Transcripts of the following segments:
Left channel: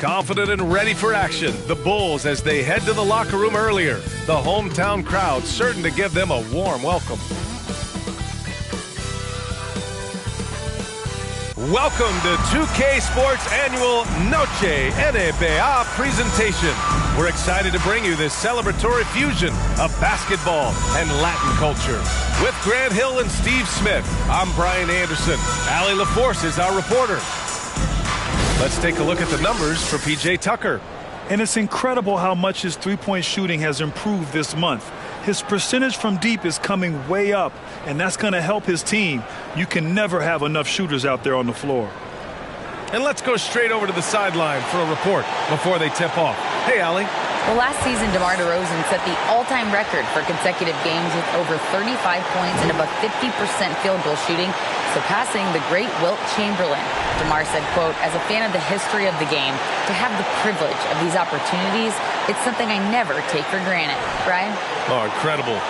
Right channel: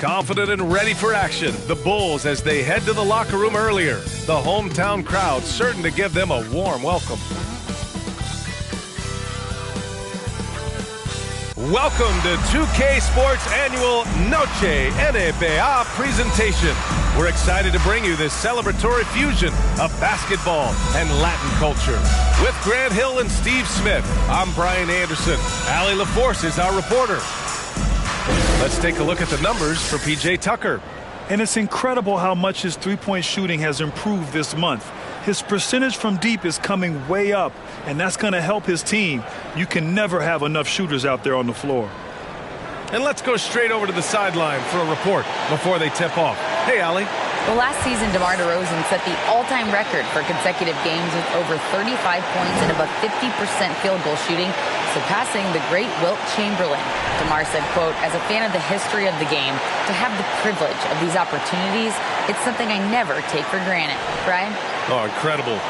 Confident and ready for action, the Bulls as they head to the locker room earlier. The hometown crowd certain to give them a warm welcome. Welcome to 2K Sports' annual Noche In The FBA presentation. We're excited to bring you this celebratory fusion of basketball and Latin culture. With Grant Hill and Steve Smith, I'm Brian Anderson. Allie LaForce is our reporter. Let's take a look at the numbers for P.J. Tucker. And it's incredible how much his three-point shooting has improved this month. His percentage from deep is coming way up, and that's going to help his team. You can never have enough shooters out there on the floor. And let's go straight over to the sideline for a report before they tip off. Hey, Allie. Well, last season, DeMar DeRozan set the all-time record for consecutive games with over 35 points and about 50% field goal shooting, surpassing the great Wilt Chamberlain. DeMar said, quote, "As a fan of the history of the game, to have the privilege of these opportunities, it's something I never take for granted." Brian? Oh, incredible.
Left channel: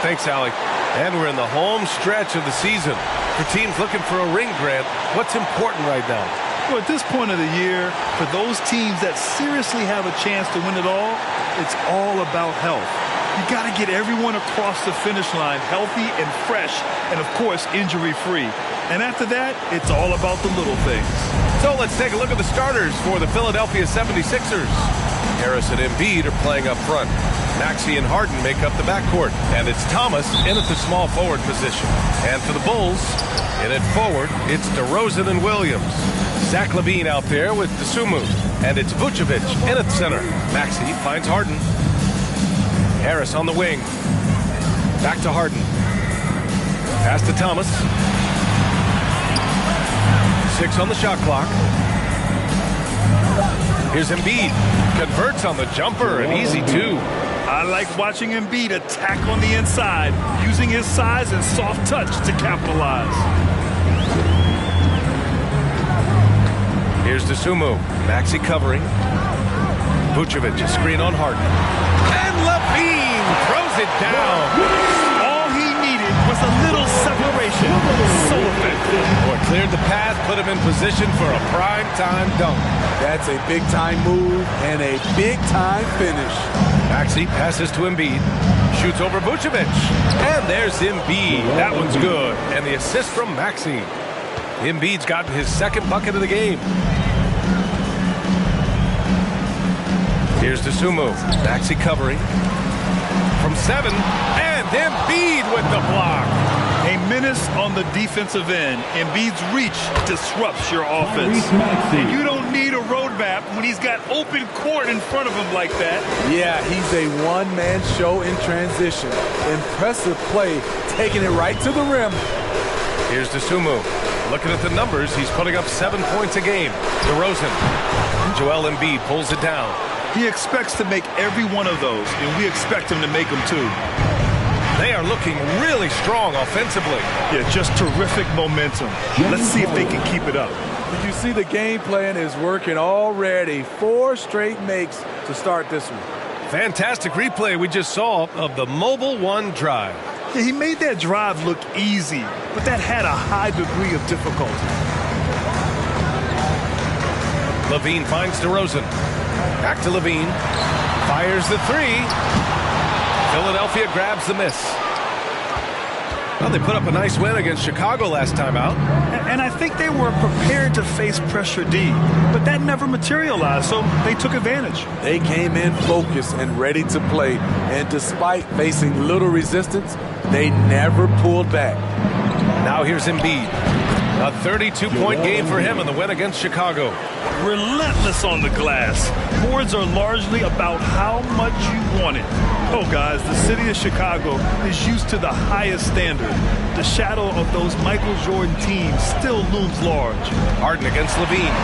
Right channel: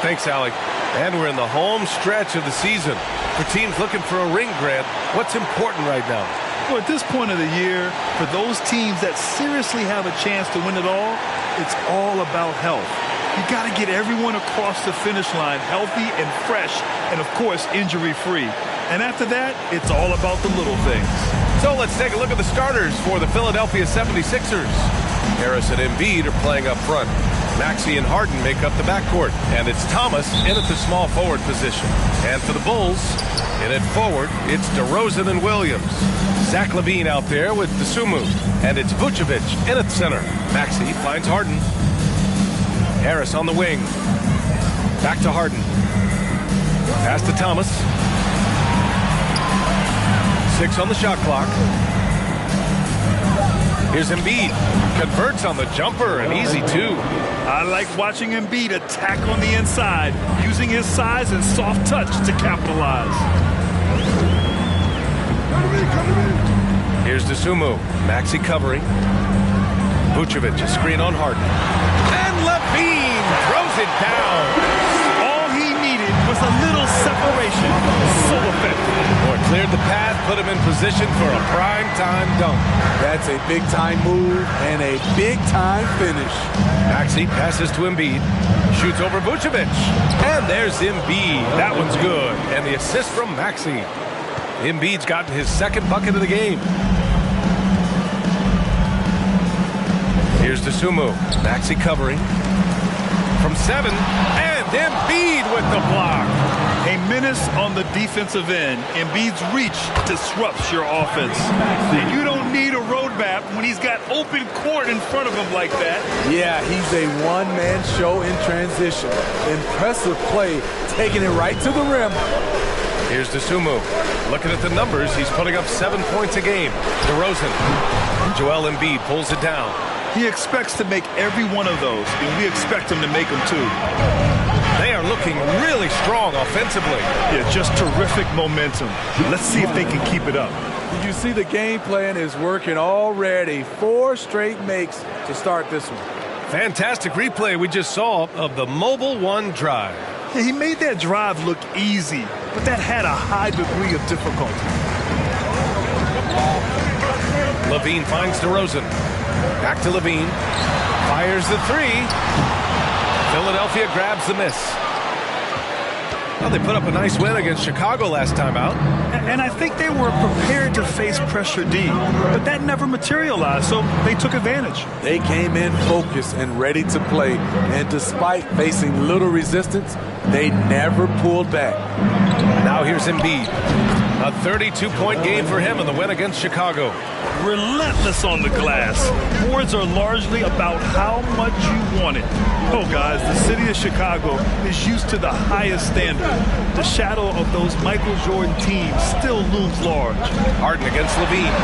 Thanks, Allie. And we're in the home stretch of the season. For teams looking for a ring, Grant, what's important right now? Well, at this point of the year, for those teams that seriously have a chance to win it all, it's all about health. You got to get everyone across the finish line healthy and fresh and, of course, injury-free. And after that, it's all about the little things. So let's take a look at the starters for the Philadelphia 76ers. Harris and Embiid are playing up front. Maxey and Harden make up the backcourt. And it's Thomas in at the small forward position. And for the Bulls, in at forward, it's DeRozan and Williams. Zach LaVine out there with Dosunmu. And it's Vucevic in at center. Maxey finds Harden. Harris on the wing. Back to Harden. Pass to Thomas. 6 on the shot clock. Here's Embiid. Converts on the jumper, an easy 2. I like watching Embiid attack on the inside, using his size and soft touch to capitalize. Here's Dosunmu. Maxey covering. Vucevic, a screen on Harden. And LaVine throws it down. All he needed was a little separation. So effective. Boy, cleared the path, put him in position for a prime-time dunk. That's a big-time move and a big-time finish. Maxey passes to Embiid. Shoots over Vucevic. And there's Embiid. That one's good. And the assist from Maxey. Embiid's gotten his second bucket of the game. Here's Dosunmu. Maxey covering. From 7. And Embiid with the block. A menace on the defensive end. Embiid's reach disrupts your offense. And you don't need a roadmap when he's got open court in front of him like that. Yeah, he's a one-man show in transition. Impressive play, taking it right to the rim. Here's Dosunmu. Looking at the numbers, he's putting up 7 points a game. DeRozan. And Joel Embiid pulls it down. He expects to make every one of those, and we expect him to make them too. They are looking really strong offensively. Yeah, just terrific momentum. Let's see if they can keep it up. Did you see the game plan is working already? 4 straight makes to start this one. Fantastic replay we just saw of the Mobile One drive. Yeah, he made that drive look easy, but that had a high degree of difficulty. LaVine finds DeRozan. Back to LaVine. Fires the 3. Philadelphia grabs the miss. Well, they put up a nice win against Chicago last time out. And I think they were prepared to face pressure D, but that never materialized, so they took advantage. They came in focused and ready to play, and despite facing little resistance, they never pulled back. Now here's Embiid. A 32-point game for him in the win against Chicago. Relentless on the glass. Boards are largely about how much you want it. Oh, guys, the city of Chicago is used to the highest standard. The shadow of those Michael Jordan teams still looms large. Harden against LaVine.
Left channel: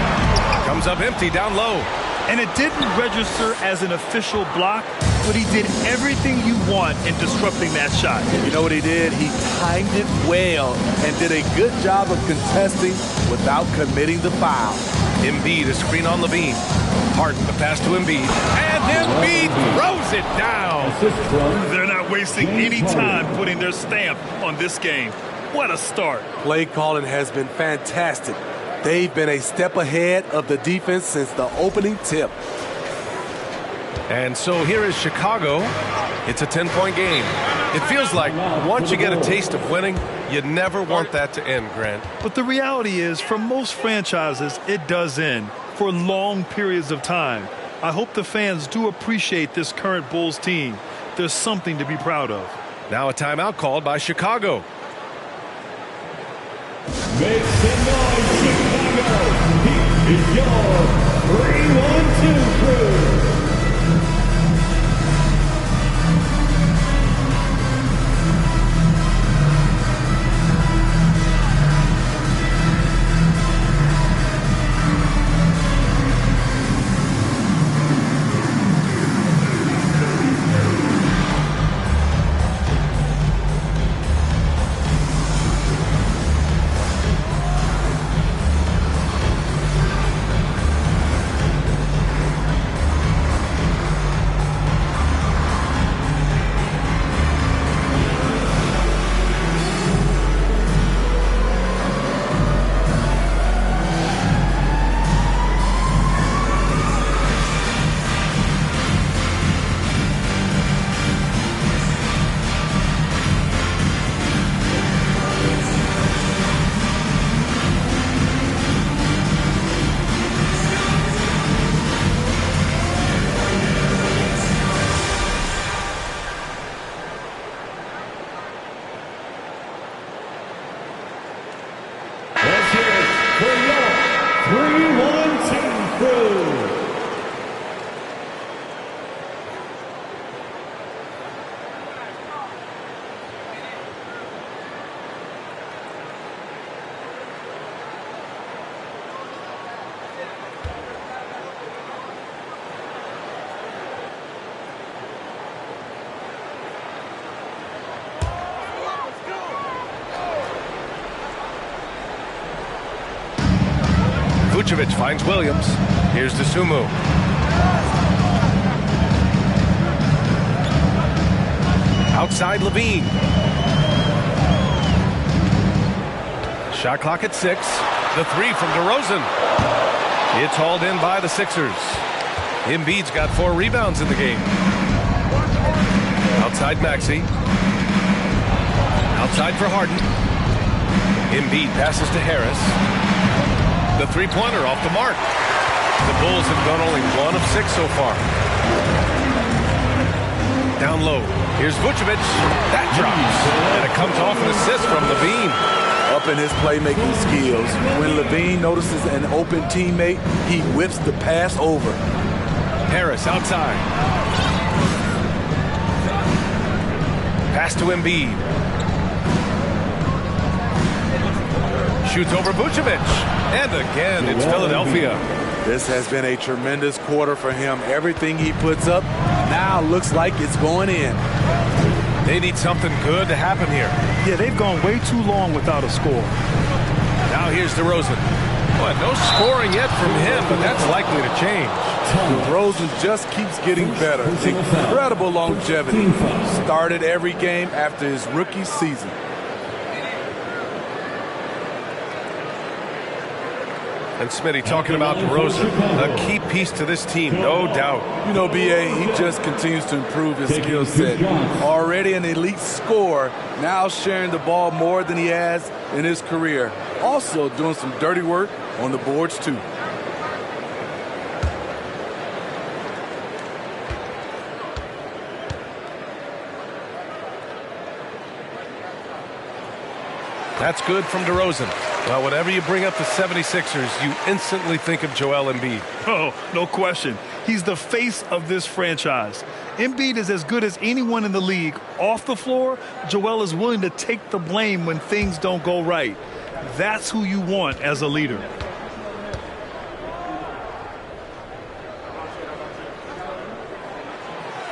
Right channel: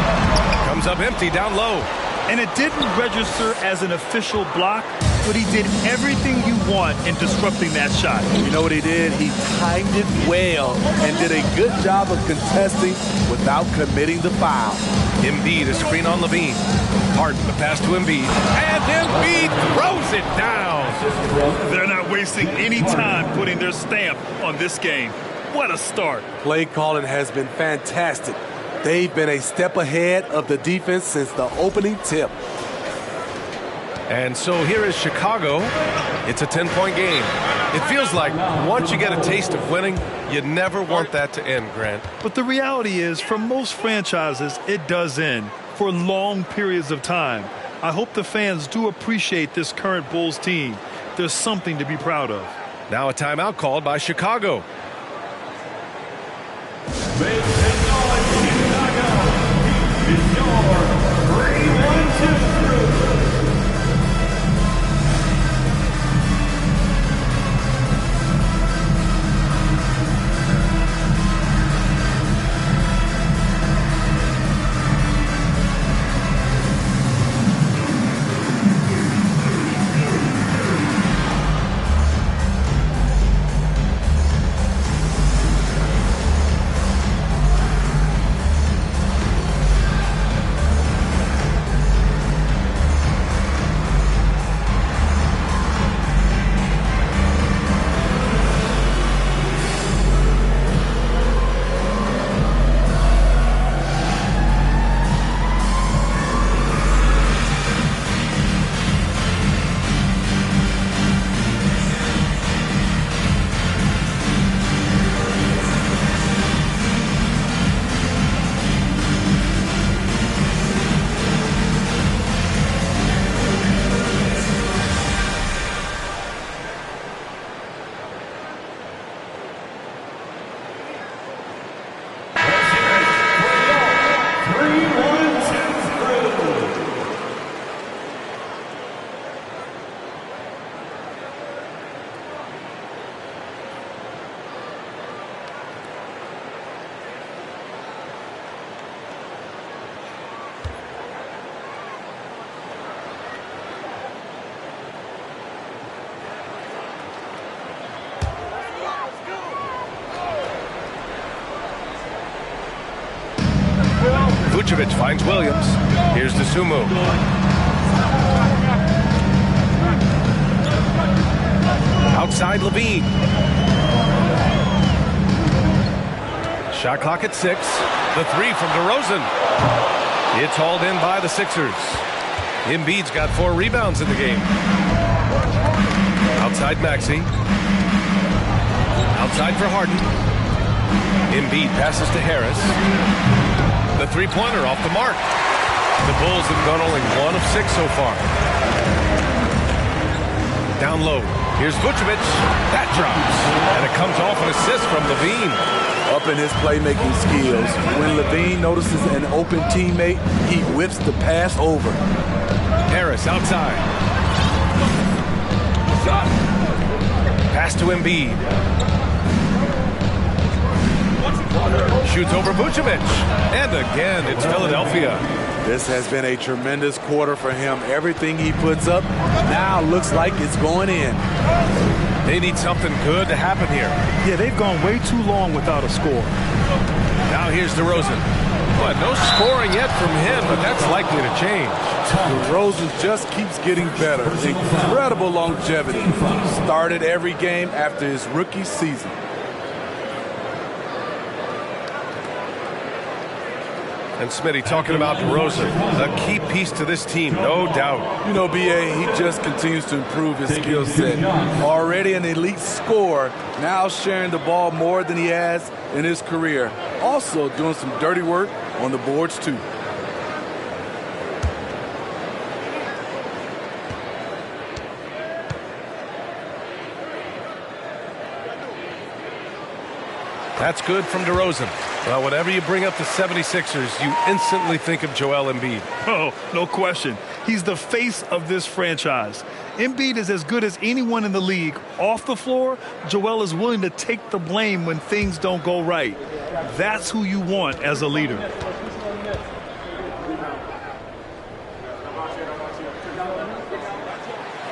Comes up empty down low. And it didn't register as an official block, but he did everything you want in disrupting that shot. You know what he did? He timed it well and did a good job of contesting without committing the foul. Embiid, a screen on LaVine. Harden, the pass to Embiid. And Embiid throws it down. They're not wasting any time putting their stamp on this game. What a start. Play calling has been fantastic. They've been a step ahead of the defense since the opening tip. And so here is Chicago. It's a 10-point game. It feels like once you get a taste of winning, you never want that to end, Grant. But the reality is, for most franchises, it does end for long periods of time. I hope the fans do appreciate this current Bulls team. There's something to be proud of. Now a timeout called by Chicago. Make some noise, Chicago. It's your 3-1-2 crew. Vucevic finds Williams. Here's Dosunmu. Outside Levine. Shot clock at 6. The three from DeRozan. It's hauled in by the Sixers. Embiid's got 4 rebounds in the game. Outside Maxey. Outside for Harden. Embiid passes to Harris. The three-pointer off the mark. The Bulls have gone only 1 of 6 so far. Down low. Here's Vucevic. That drops. And it comes off an assist from Levine. Up in his playmaking skills. When Levine notices an open teammate, he whips the pass over. Harris outside. Pass to Embiid. Shoots over Vucevic. And again, it's Philadelphia. This has been a tremendous quarter for him. Everything he puts up now looks like it's going in. They need something good to happen here. Yeah, they've gone way too long without a score. Now here's DeRozan. Boy, no scoring yet from him, but that's likely to change. DeRozan just keeps getting better. Incredible longevity. Started every game after his rookie season. And Smitty talking about DeRozan, a key piece to this team, no doubt. You know, BA, he just continues to improve his skill set. Already an elite scorer, now sharing the ball more than he has in his career. Also doing some dirty work on the boards, too. That's good from DeRozan. Well, whenever you bring up the 76ers, you instantly think of Joel Embiid. Oh, no question. He's the face of this franchise. Embiid is as good as anyone in the league. Off the floor, Joel is willing to take the blame when things don't go right. That's who you want as a leader.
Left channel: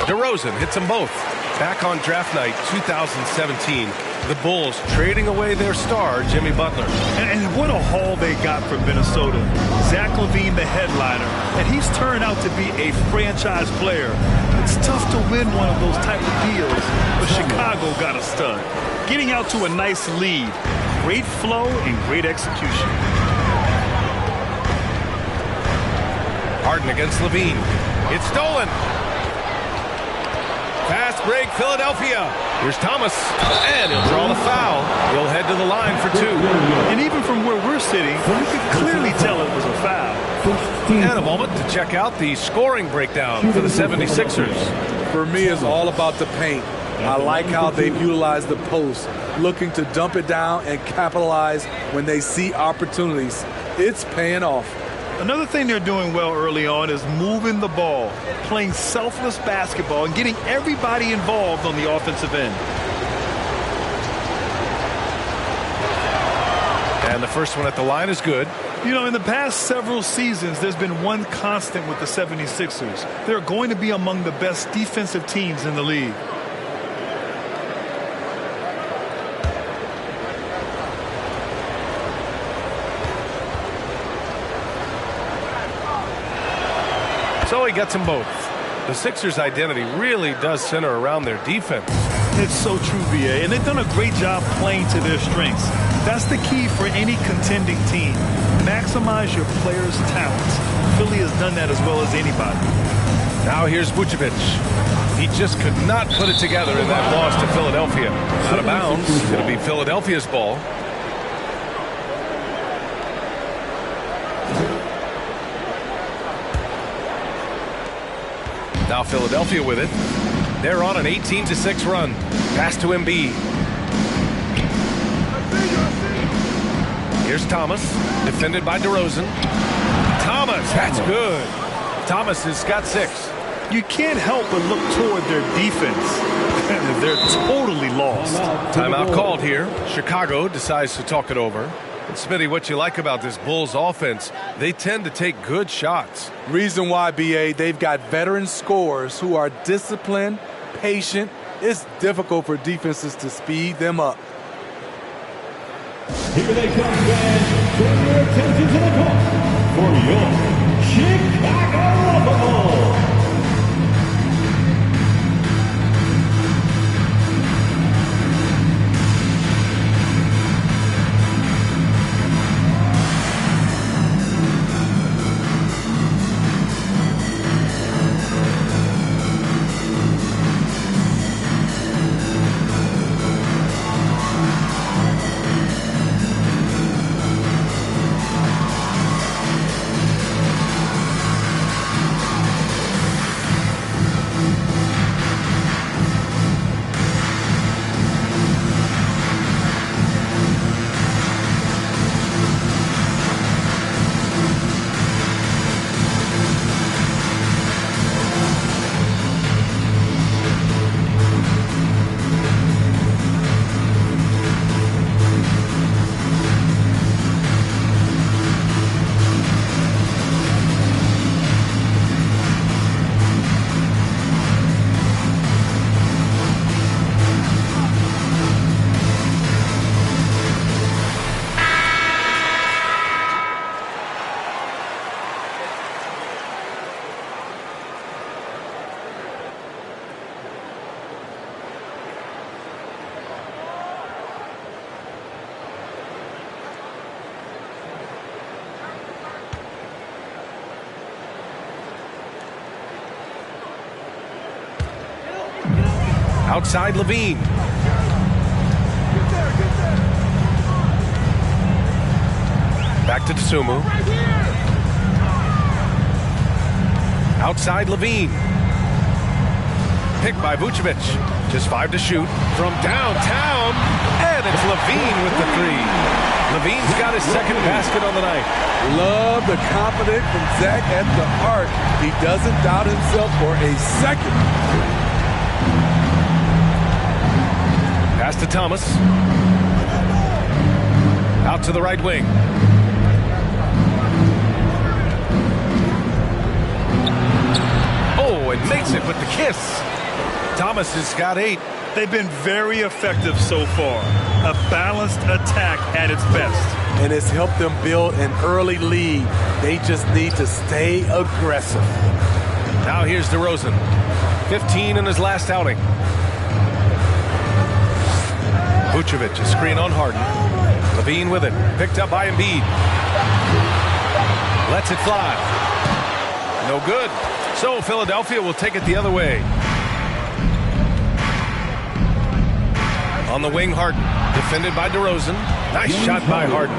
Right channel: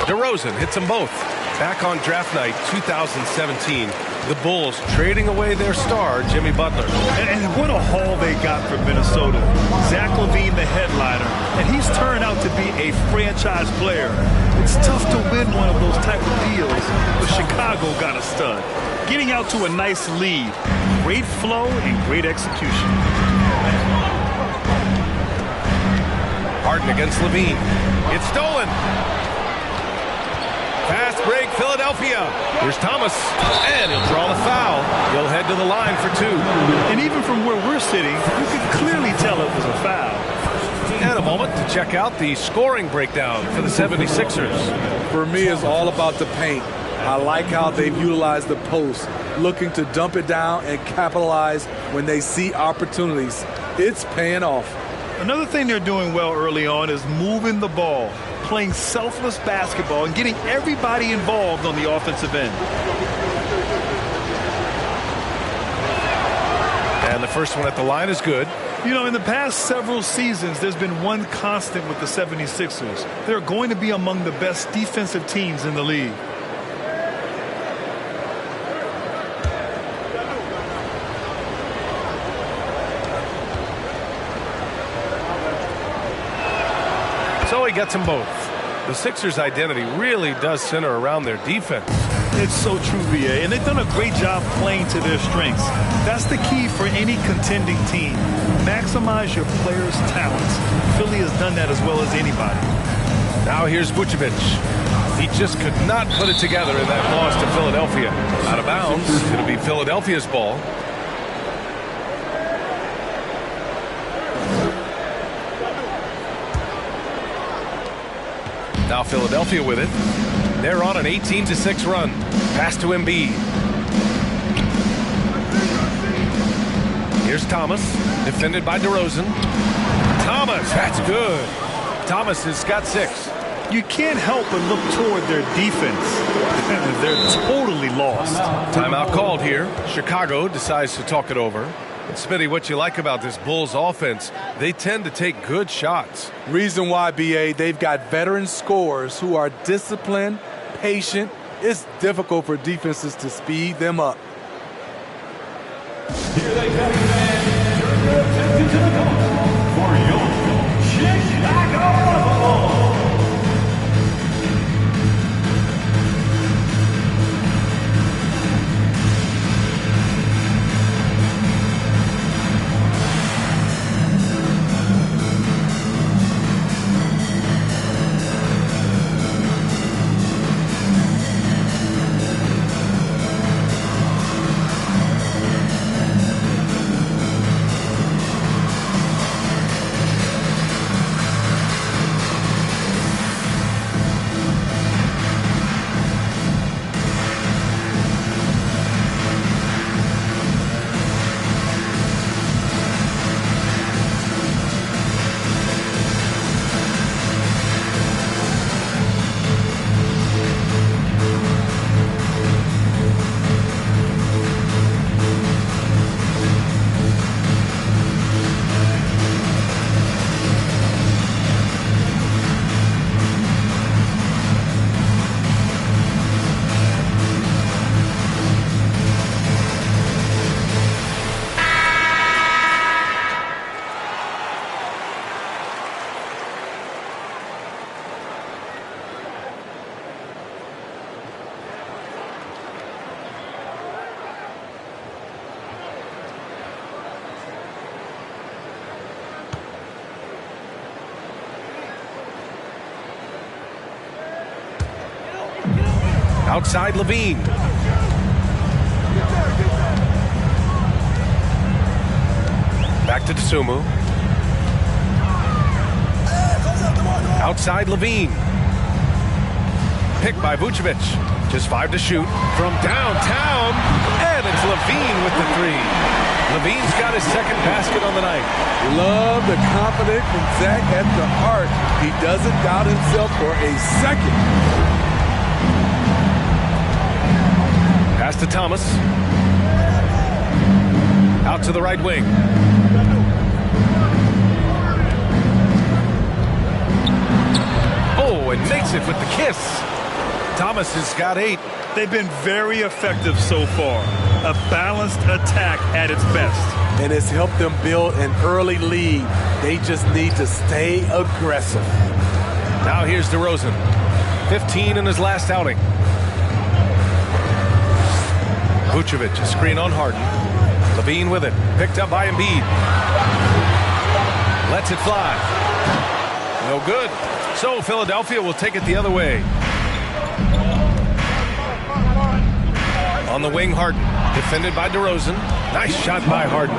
DeRozan hits them both. Back on draft night 2017, the Bulls trading away their star, Jimmy Butler. And what a haul they got from Minnesota. Zach LaVine, the headliner, and he's turned out to be a franchise player. It's tough to win one of those type of deals, but Chicago got a stud. Getting out to a nice lead. Great flow and great execution. Harden against Levine. It's stolen. Fast break, Philadelphia. Here's Thomas, and he'll draw the foul. He'll head to the line for 2. And even from where we're sitting, you could clearly tell it was a foul. And a moment to check out the scoring breakdown for the 76ers. For me, it's all about the paint. I like how they've utilized the post, looking to dump it down and capitalize when they see opportunities. It's paying off. Another thing they're doing well early on is moving the ball, playing selfless basketball, and getting everybody involved on the offensive end. And the first one at the line is good. You know, in the past several seasons, there's been one constant with the 76ers. They're going to be among the best defensive teams in the league. So he gets them both. The Sixers' identity really does center around their defense. It's so true, VA, and they've done a great job playing to their strengths. That's the key for any contending team. Maximize your players' talents. Philly has done that as well as anybody. Now here's Vucevic. He just could not put it together in that loss to Philadelphia. Out of bounds. It'll be Philadelphia's ball. Now Philadelphia with it. They're on an 18-6 run. Pass to Embiid. Here's Thomas, defended by DeRozan. Thomas, that's good. Thomas has got 6. You can't help but look toward their defense. They're totally lost. Timeout called here. Chicago decides to talk it over. And Smitty, what you like about this Bulls offense, they tend to take good shots. Reason why, BA, they've got veteran scorers who are disciplined, patient. It's difficult for defenses to speed them up. Here they come, fans. Turn your attention to the court for your Chicago Bulls. Outside Levine. Back to Dosunmu. Outside Levine. Picked by Vucevic. Just 5 to shoot from downtown. And it's Levine with the 3. Levine's got his second basket on the night. Love the confidence from Zach at the arc. He doesn't doubt himself for a second. Pass to Thomas. Out to the right wing. Oh, and makes it with the kiss. Thomas has got 8. They've been very effective so far. A balanced attack at its best. And it's helped them build an early lead. They just need to stay aggressive. Now here's DeRozan. 15 in his last outing. Vucevic, a screen on Harden. Levine with it. Picked up by Embiid. Lets it fly. No good. So Philadelphia will take it the other way. On the wing, Harden. Defended by DeRozan. Nice shot by Harden.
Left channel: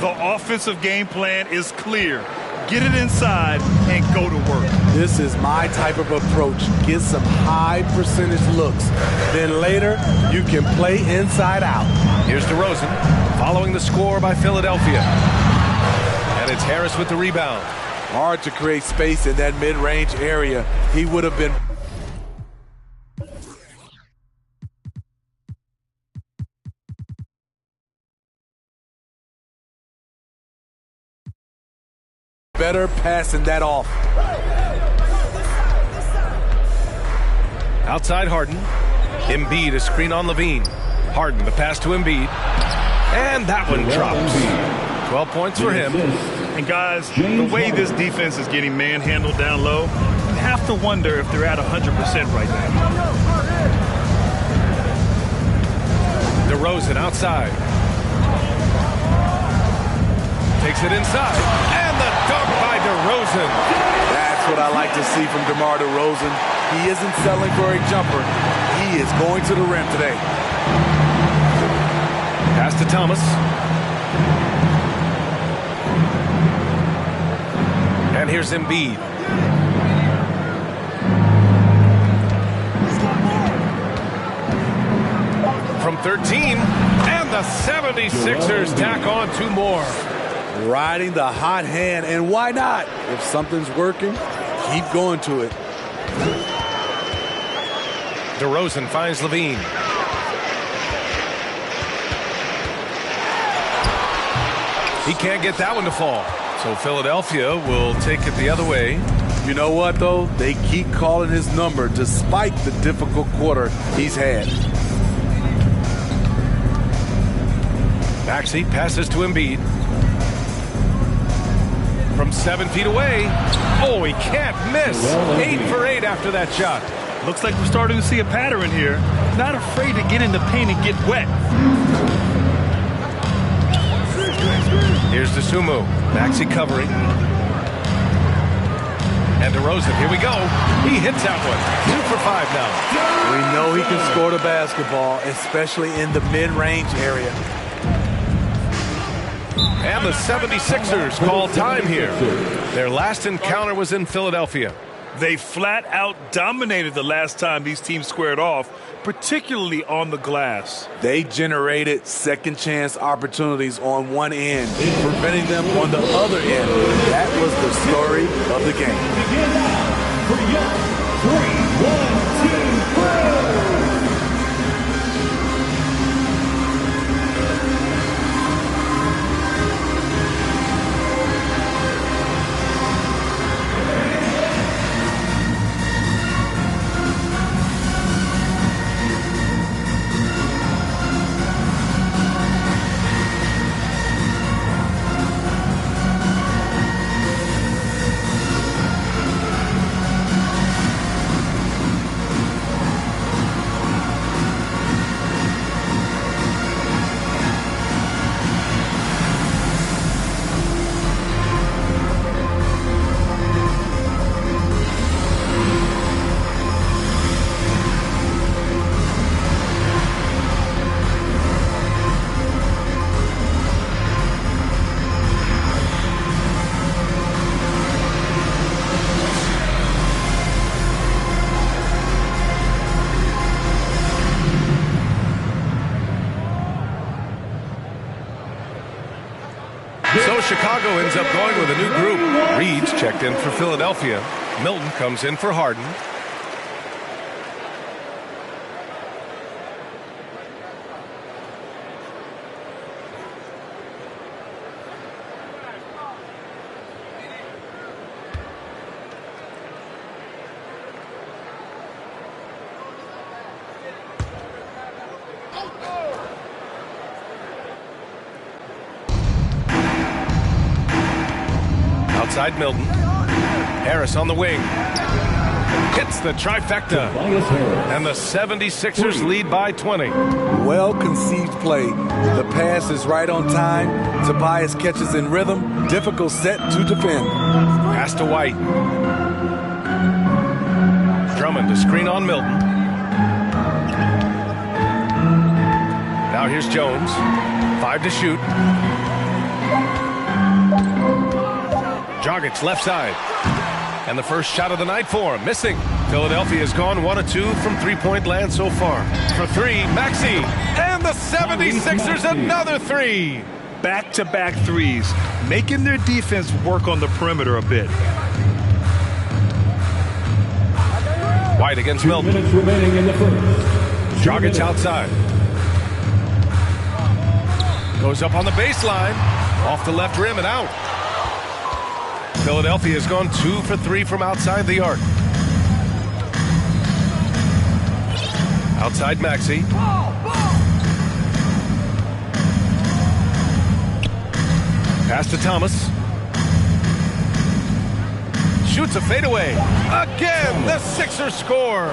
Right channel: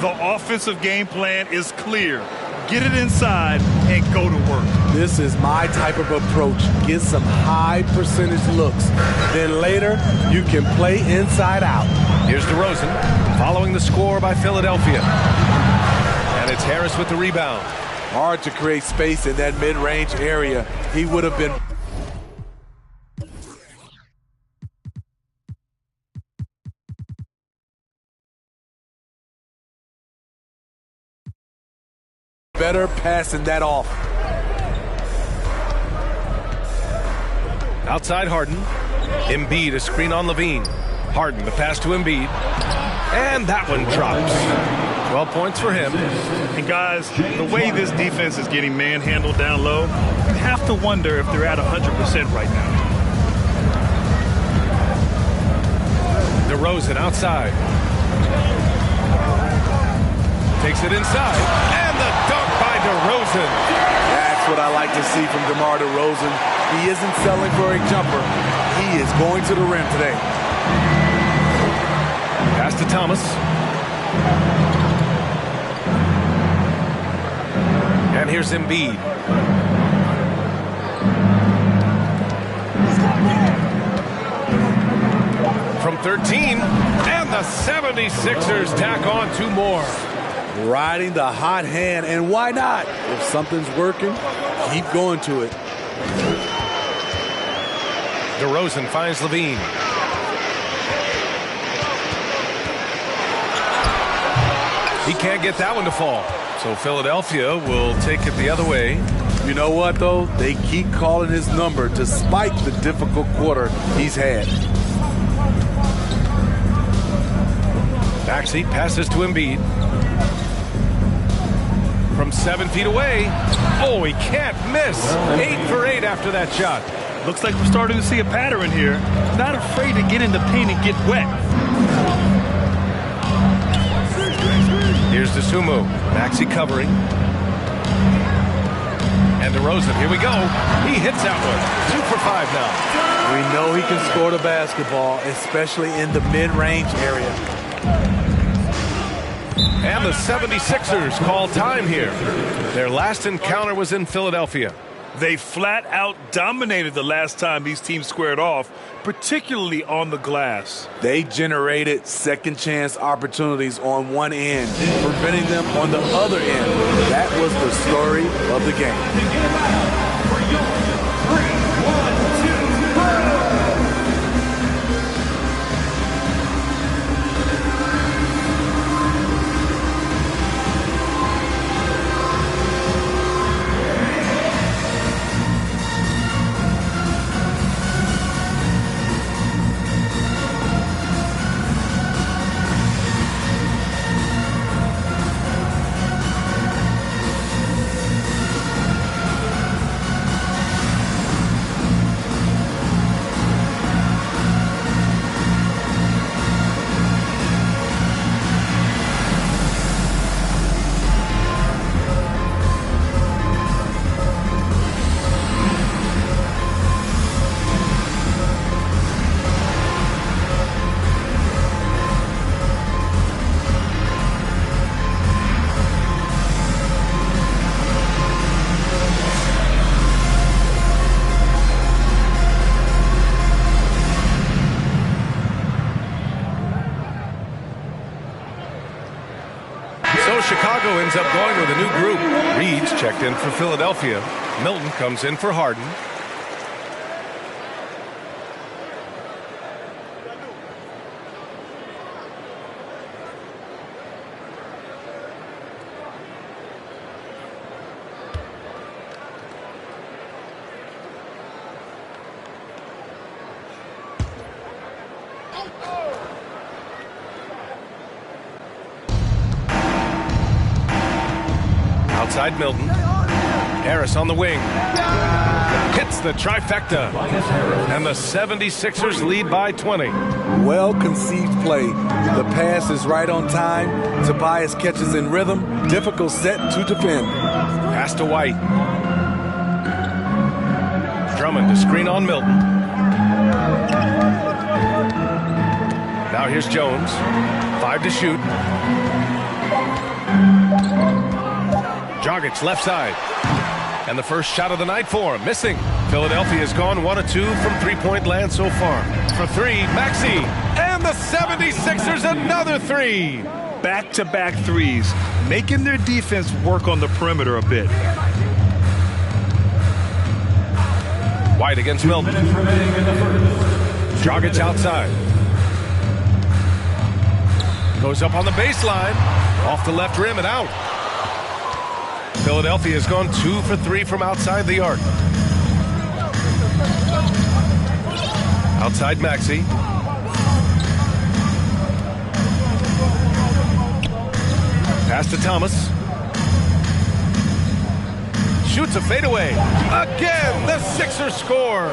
The offensive game plan is clear. Get it inside and go to work. This is my type of approach. Get some high percentage looks. Then later, you can play inside out. Here's DeRozan following the score by Philadelphia. And it's Harris with the rebound. Hard to create space in that mid-range area. He would have been better passing that off. Outside Harden. Embiid, a screen on Levine. Harden, the pass to Embiid. And that one drops. 12 points for him. And guys, the way this defense is getting manhandled down low, you have to wonder if they're at 100% right now. DeRozan outside. Takes it inside. And the dunk by DeRozan. That's what I like to see from DeMar DeRozan. He isn't settling for a jumper. He is going to the rim today. Pass to Thomas. And here's Embiid. From 13. And the 76ers tack on 2 more. Riding the hot hand, and why not? If something's working, keep going to it. DeRozan finds Levine. He can't get that one to fall. So Philadelphia will take it the other way. You know what, though? They keep calling his number despite the difficult quarter he's had. Maxey passes to Embiid. From 7 feet away. Oh, he can't miss. 8 for 8 after that shot. Looks like we're starting to see a pattern here. Not afraid to get in the paint and get wet. Here's DeSumo. Maxey covering. And DeRozan, here we go. He hits that one. 2 for 5 now. We know he can score the basketball, especially in the mid-range area. And the 76ers call time here. Their last encounter was in Philadelphia. They flat out dominated the last time these teams squared off, particularly on the glass. They generated second chance opportunities on one end, preventing them on the other end. That was the story of the game. For your 3-1-2 So Chicago ends up going with a new group. Reed's checked in for Philadelphia. Milton comes in for Harden. Outside Milton. Harris on the wing. Hits the trifecta. And the 76ers lead by 20. Well-conceived play. The pass is right on time. Tobias catches in rhythm. Difficult set to defend. Pass to White. Drummond to screen on Milton. Now here's Jones. 5 to shoot. Dragic left side. And the first shot of the night for him. Missing. Philadelphia has gone 1 of 2 from three-point land so far. For 3, Maxey. And the 76ers another 3. Back-to-back threes, making their defense work on the perimeter a bit. White against Milton. 2 minutes remaining in the first. Dragic outside. Goes up on the baseline. Off the left rim and out. Philadelphia has gone 2 for 3 from outside the arc. Outside Maxey. Pass to Thomas. Shoots a fadeaway. Again, the Sixers score.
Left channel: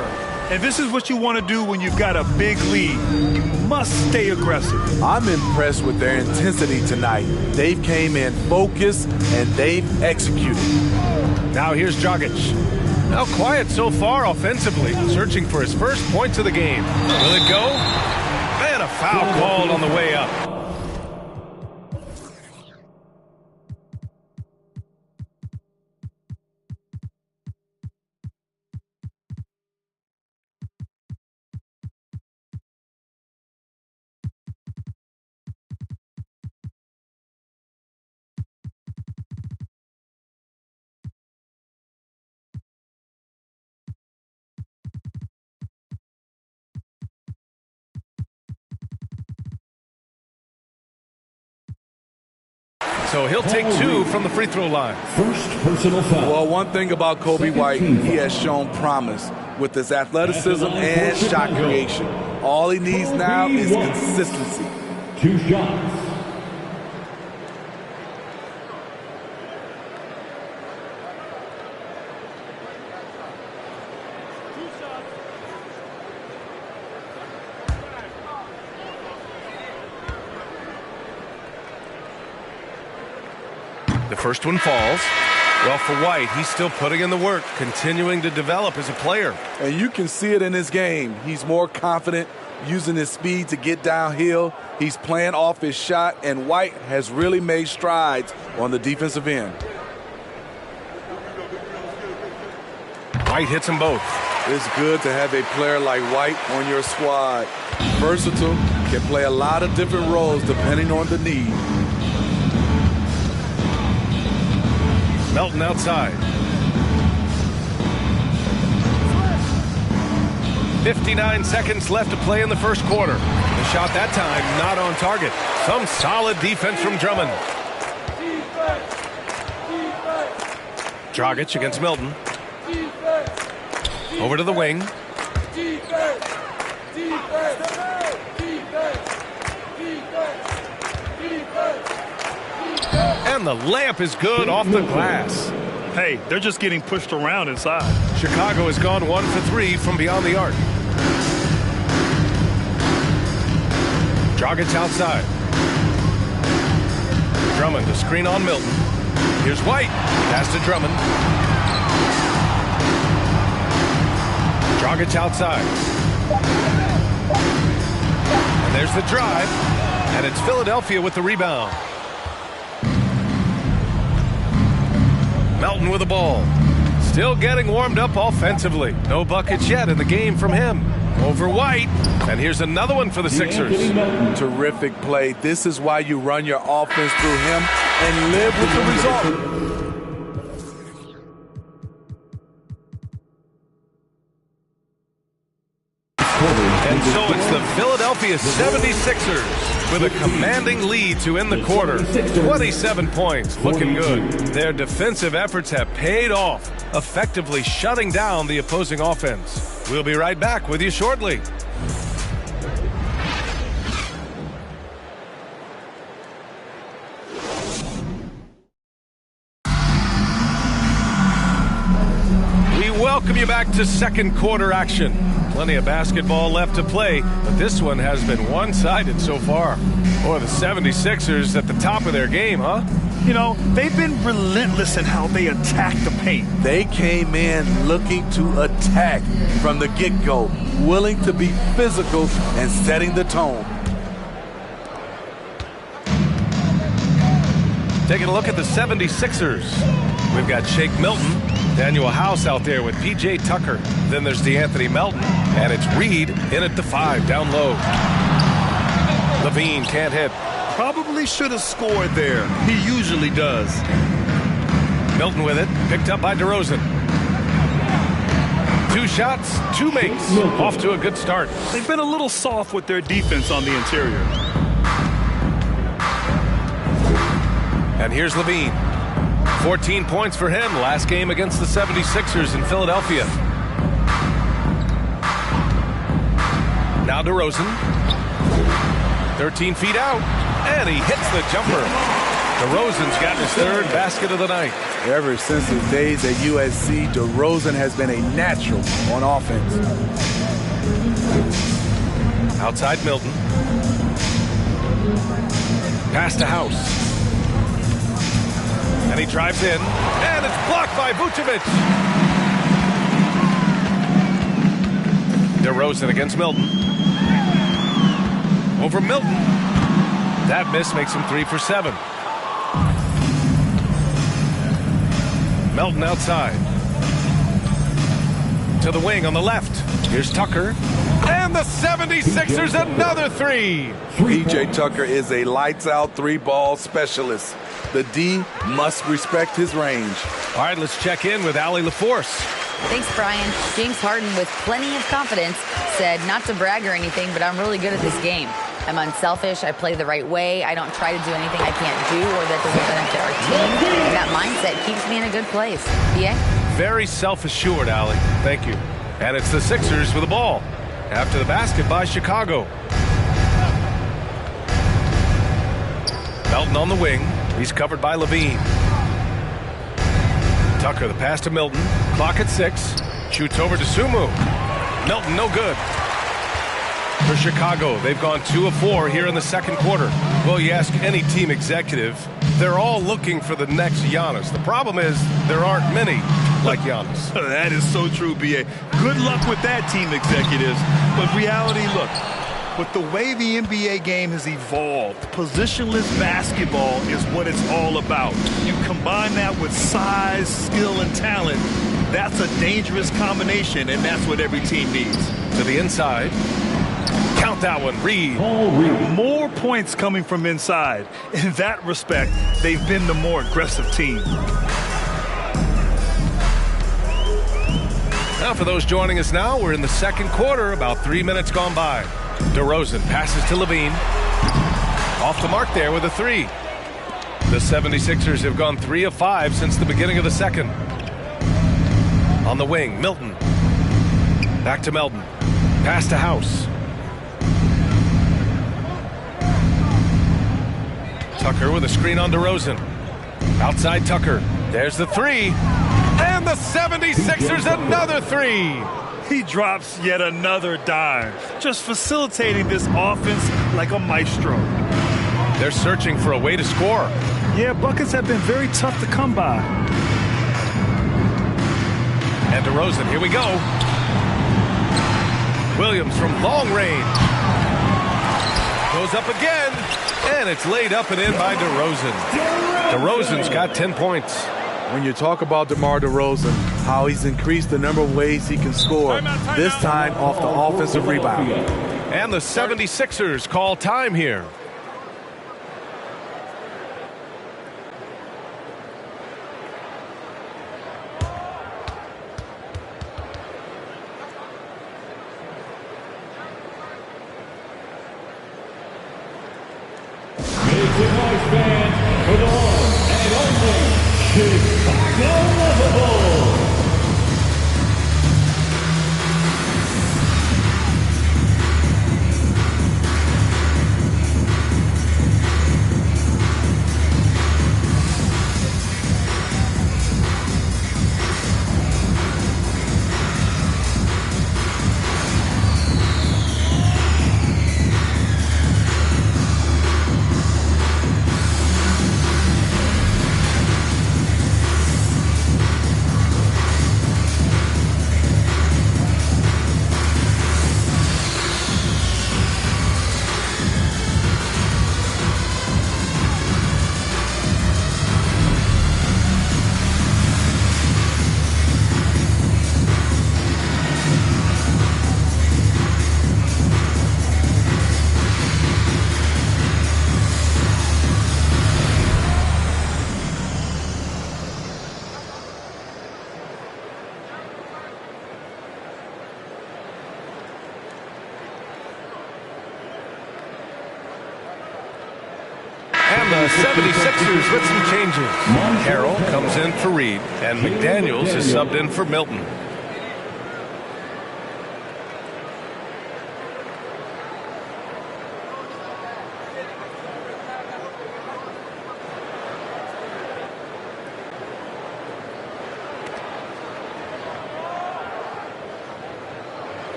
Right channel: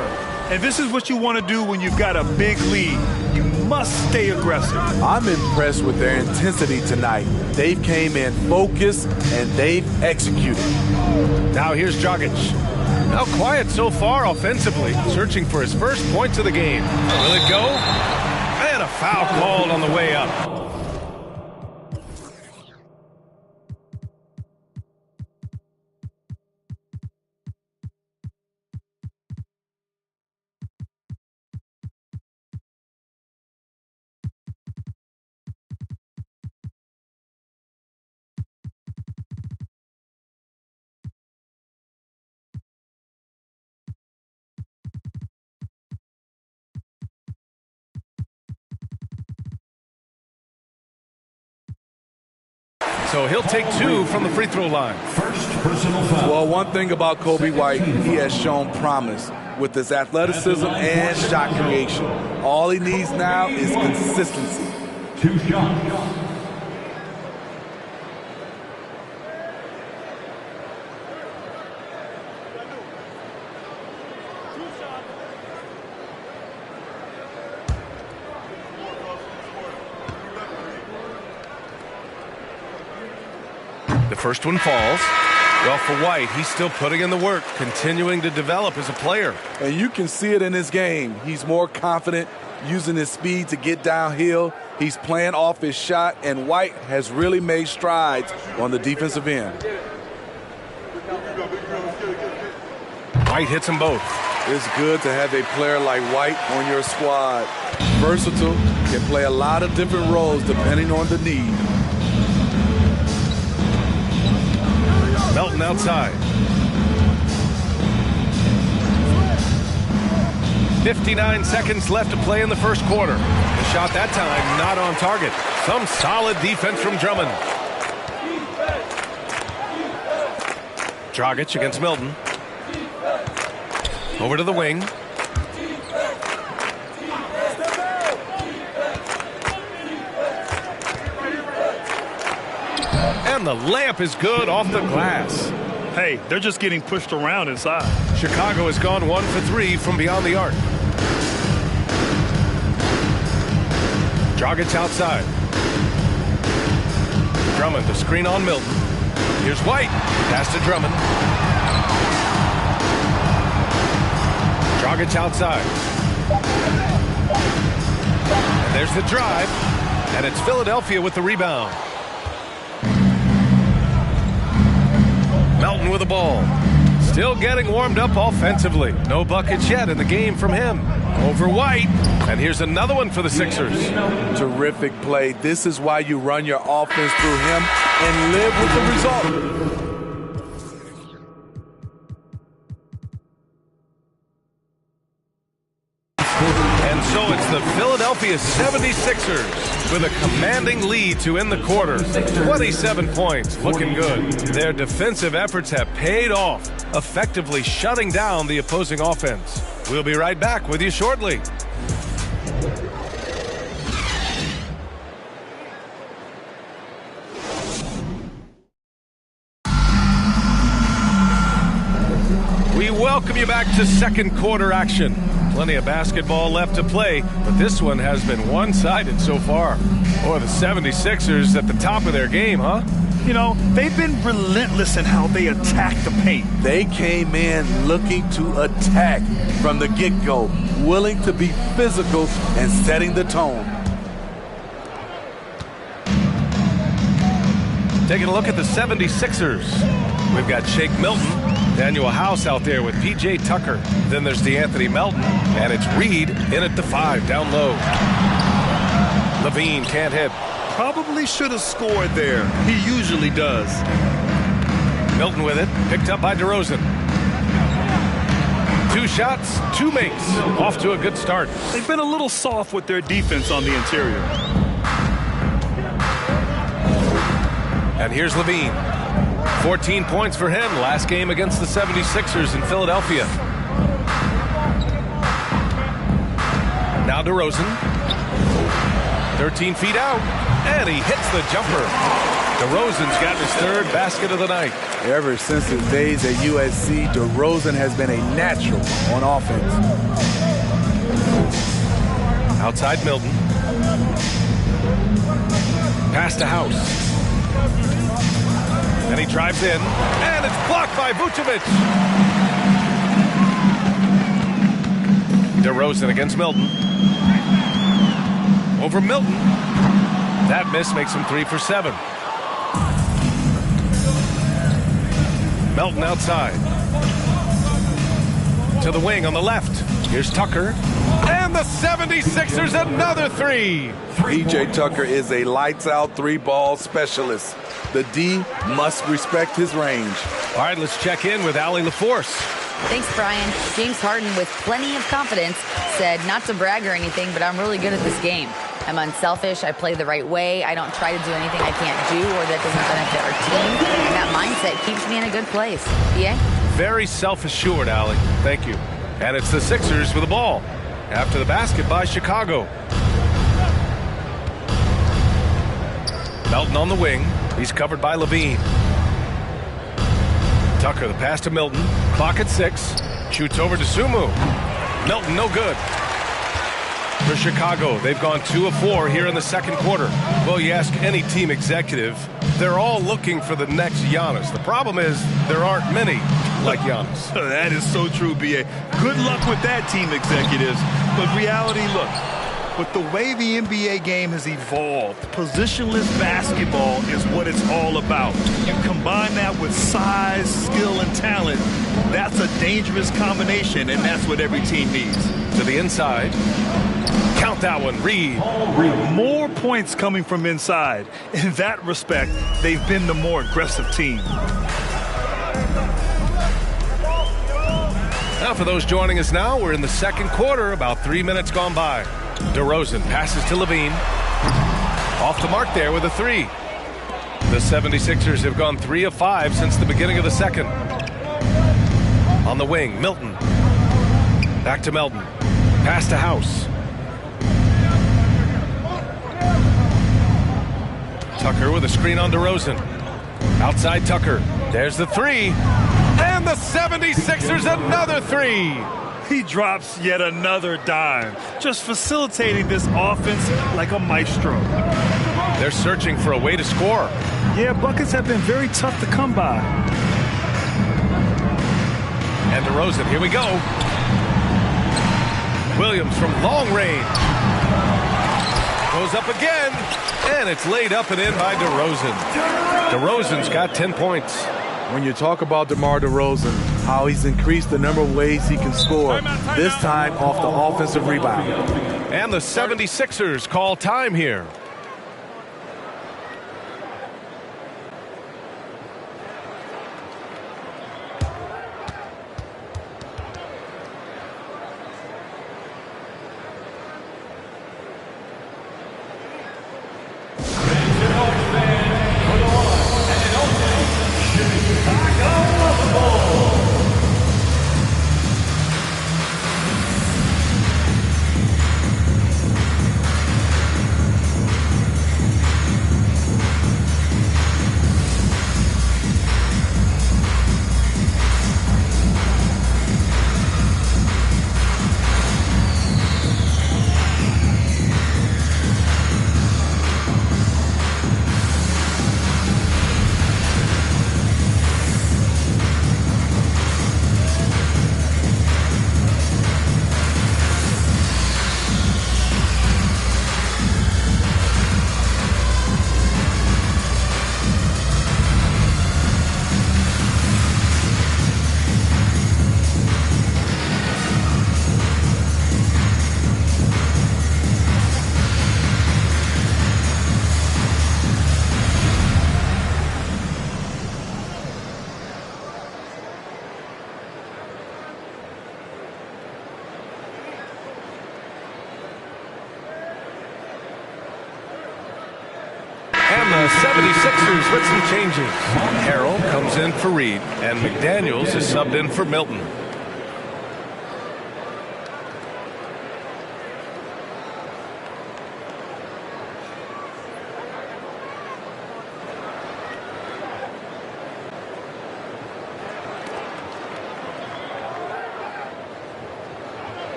And this is what you want to do when you've got a big lead. You must stay aggressive. I'm impressed with their intensity tonight. They've came in focused and they've executed. Now here's Dragic. Now quiet so far offensively, searching for his first points of the game. Will it go? And a foul called on the way up. So he'll take 2 from the free throw line. First personal foul. Well, one thing about Kobe White, he has shown promise with his athleticism and shot creation. All he needs now is consistency. 2 shots. The first one falls. Well, for White, he's still putting in the work, continuing to develop as a player. And you can see it in his game. He's more confident, using his speed to get downhill. He's playing off his shot, and White has really made strides on the defensive end. White hits them both. It's good to have a player like White on your squad. Versatile, can play a lot of different roles depending on the need. Melton outside. 59 seconds left to play in the first quarter. The shot that time not on target. Some solid defense from Drummond. Dragic against Milton. Over to the wing. And the layup is good off the glass. Hey, they're just getting pushed around inside. Chicago has gone 1 for 3 from beyond the arc. Dragic outside. Drummond to screen on Milton. Here's White. Pass to Drummond. Dragic outside. And there's the drive. And it's Philadelphia with the rebound. Melton with the ball. Still getting warmed up offensively. No buckets yet in the game from him. Over White. And here's another one for the Sixers. Terrific play. This is why you run your offense through him and live with the result. And so it's the Philadelphia 76ers with a commanding lead to end the quarter. 27 points, looking good. Their defensive efforts have paid off, effectively shutting down the opposing offense. We'll be right back with you shortly. We welcome you back to second quarter action. Plenty of basketball left to play, but this one has been one-sided so far. Boy, the 76ers at the top of their game, huh? You know, they've been relentless in how they attack the paint. They came in looking to attack from the get-go, willing to be physical and setting the tone. Taking a look at the 76ers. We've got Shake Milton, Daniel House out there with P.J. Tucker. Then there's DeAnthony Melton, and it's Reed in at the 5, down low. Levine can't hit. Probably should have scored there. He usually does. Milton with it, picked up by DeRozan. 2 shots, 2 makes. Off to a good start. They've been a little soft with their defense on the interior. And here's Levine. 14 points for him last game against the 76ers in Philadelphia. Now DeRozan. 13 feet out. And he hits the jumper. DeRozan's got his 3rd basket of the night. Ever since his days at USC, DeRozan has been a natural on offense. Outside Milton. Pass to House. And he drives in. And it's blocked by Vucevic. DeRozan against Milton. Over Milton. That miss makes him 3 for 7. Melton outside. To the wing on the left. Here's Tucker. And the 76ers another 3. P.J. Tucker is a lights-out 3-ball specialist. The D must respect his range. All right, let's check in with Allie LaForce. Thanks, Brian. James Harden, with plenty of confidence, said not to brag or anything, but I'm really good at this game. I'm unselfish. I play the right way. I don't try to do anything I can't do or that doesn't benefit our team. And that mindset keeps me in a good place. BA? Very self-assured, Allie. Thank you. And it's the Sixers with the ball. After the basket by Chicago. Melton on the wing. He's covered by Levine. Tucker, the pass to Milton. Clock at 6. Shoots over to Sumu. Milton, no good. For Chicago, they've gone 2 of 4 here in the second quarter. Well, you ask any team executive, they're all looking for the next Giannis. The problem is there aren't many like Giannis. That is so true, B.A. Good luck with that, team executives. But reality, look, with the way the NBA game has evolved, positionless basketball is what it's all about. You combine that with size, skill, and talent, that's a dangerous combination, and that's what every team needs. To the inside. Count that one, Reed. More points coming from inside. In that respect, they've been the more aggressive team. Now for those joining us now, we're in the second quarter, about 3 minutes gone by. DeRozan passes to Levine. Off the mark there with a 3. The 76ers have gone 3 of 5 since the beginning of the second. On the wing, Milton. Back to Melton. Pass to House. Tucker with a screen on DeRozan. Outside Tucker. There's the 3. And the 76ers another 3. He drops yet another dime, just facilitating this offense like a maestro. They're searching for a way to score. Yeah, buckets have been very tough to come by. And DeRozan, here we go. Williams from long range. Goes up again, and it's laid up and in by DeRozan. DeRozan's got 10 points. When you talk about DeMar DeRozan, how he's increased the number of ways he can score, this time off the offensive rebound. And the 76ers call time here. And the 76ers with some changes. Harrell comes in for Reed, and McDaniels is subbed in for Milton.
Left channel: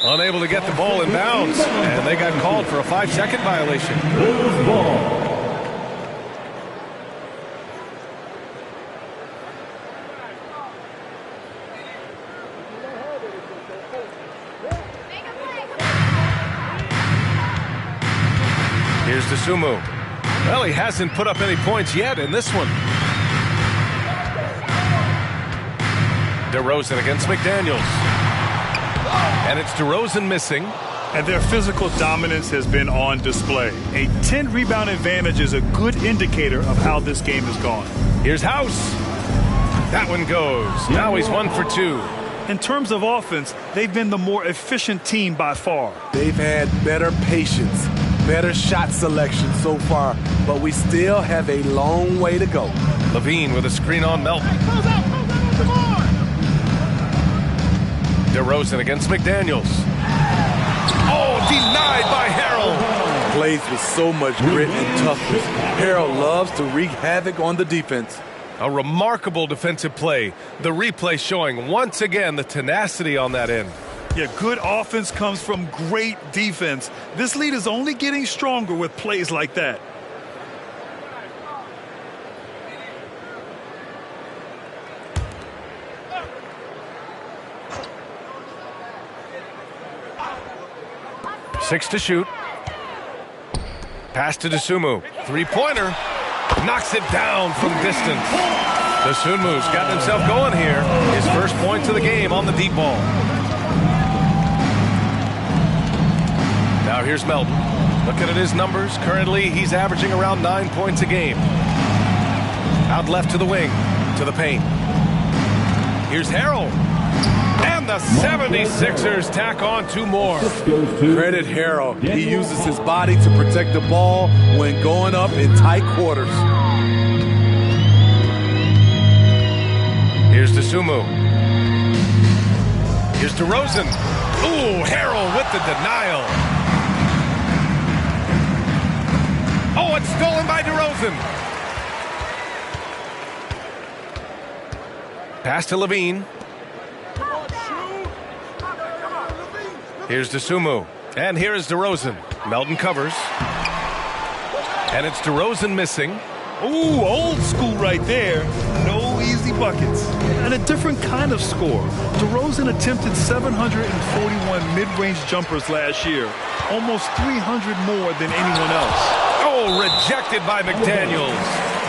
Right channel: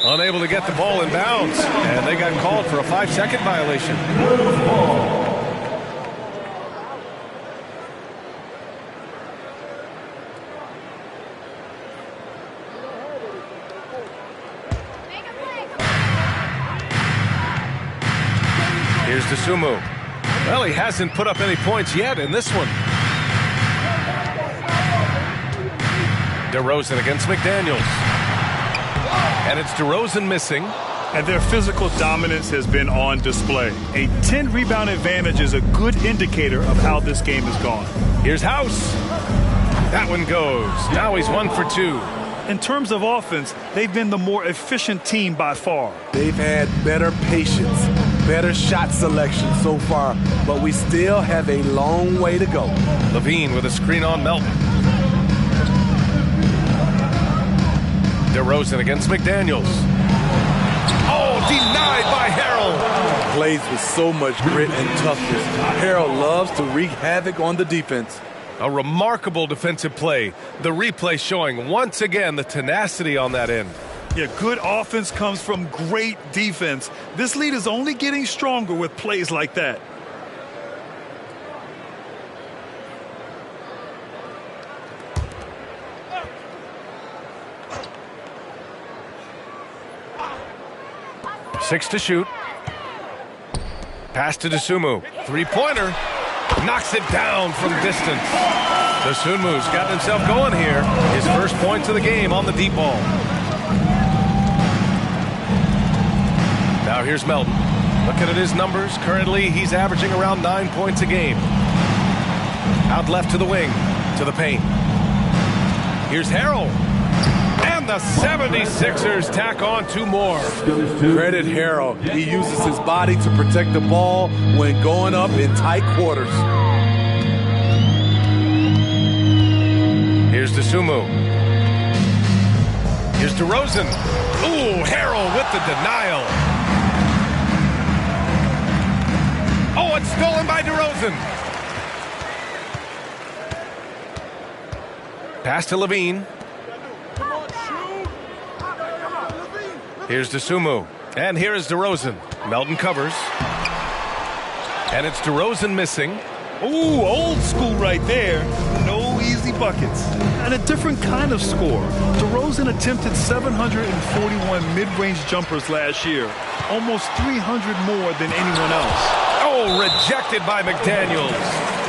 Unable to get the ball in bounds, and they got called for a 5-second violation. Here's DeSumo. Well, he hasn't put up any points yet in this one. DeRozan against McDaniels. And it's DeRozan missing. And their physical dominance has been on display. A 10-rebound advantage is a good indicator of how this game has gone. Here's House. That one goes. Now he's 1 for 2. In terms of offense, they've been the more efficient team by far. They've had better patience, better shot selection so far, but we still have a long way to go. Levine with a screen on Melton. DeRozan against McDaniels. Oh, denied by Harrell. Plays with so much grit and toughness. Harrell loves to wreak havoc on the defense. A remarkable defensive play. The replay showing once again the tenacity on that end. Yeah, good offense comes from great defense. This lead is only getting stronger with plays like that. Six to shoot. Pass to DeSumo. Three-pointer. Knocks it down from distance. DeSumu's gotten himself going here. His first points of the game on the deep ball. Now here's Melton. Looking at his numbers. Currently, he's averaging around 9 points a game. Out left to the wing. To the paint. Here's Harrell. And the 76ers tack on 2 more. Credit Harrell. He uses his body to protect the ball when going up in tight quarters. Here's DeSumo. Here's DeRozan. Ooh, Harrell with the denial. Oh, it's stolen by DeRozan. Pass to Levine. Here's DeSumo. And here is DeRozan. Melton covers. And it's DeRozan missing. Ooh, old school right there. No easy buckets. And a different kind of score. DeRozan attempted 741 mid-range jumpers last year. Almost 300 more than anyone else. Oh, rejected by McDaniels.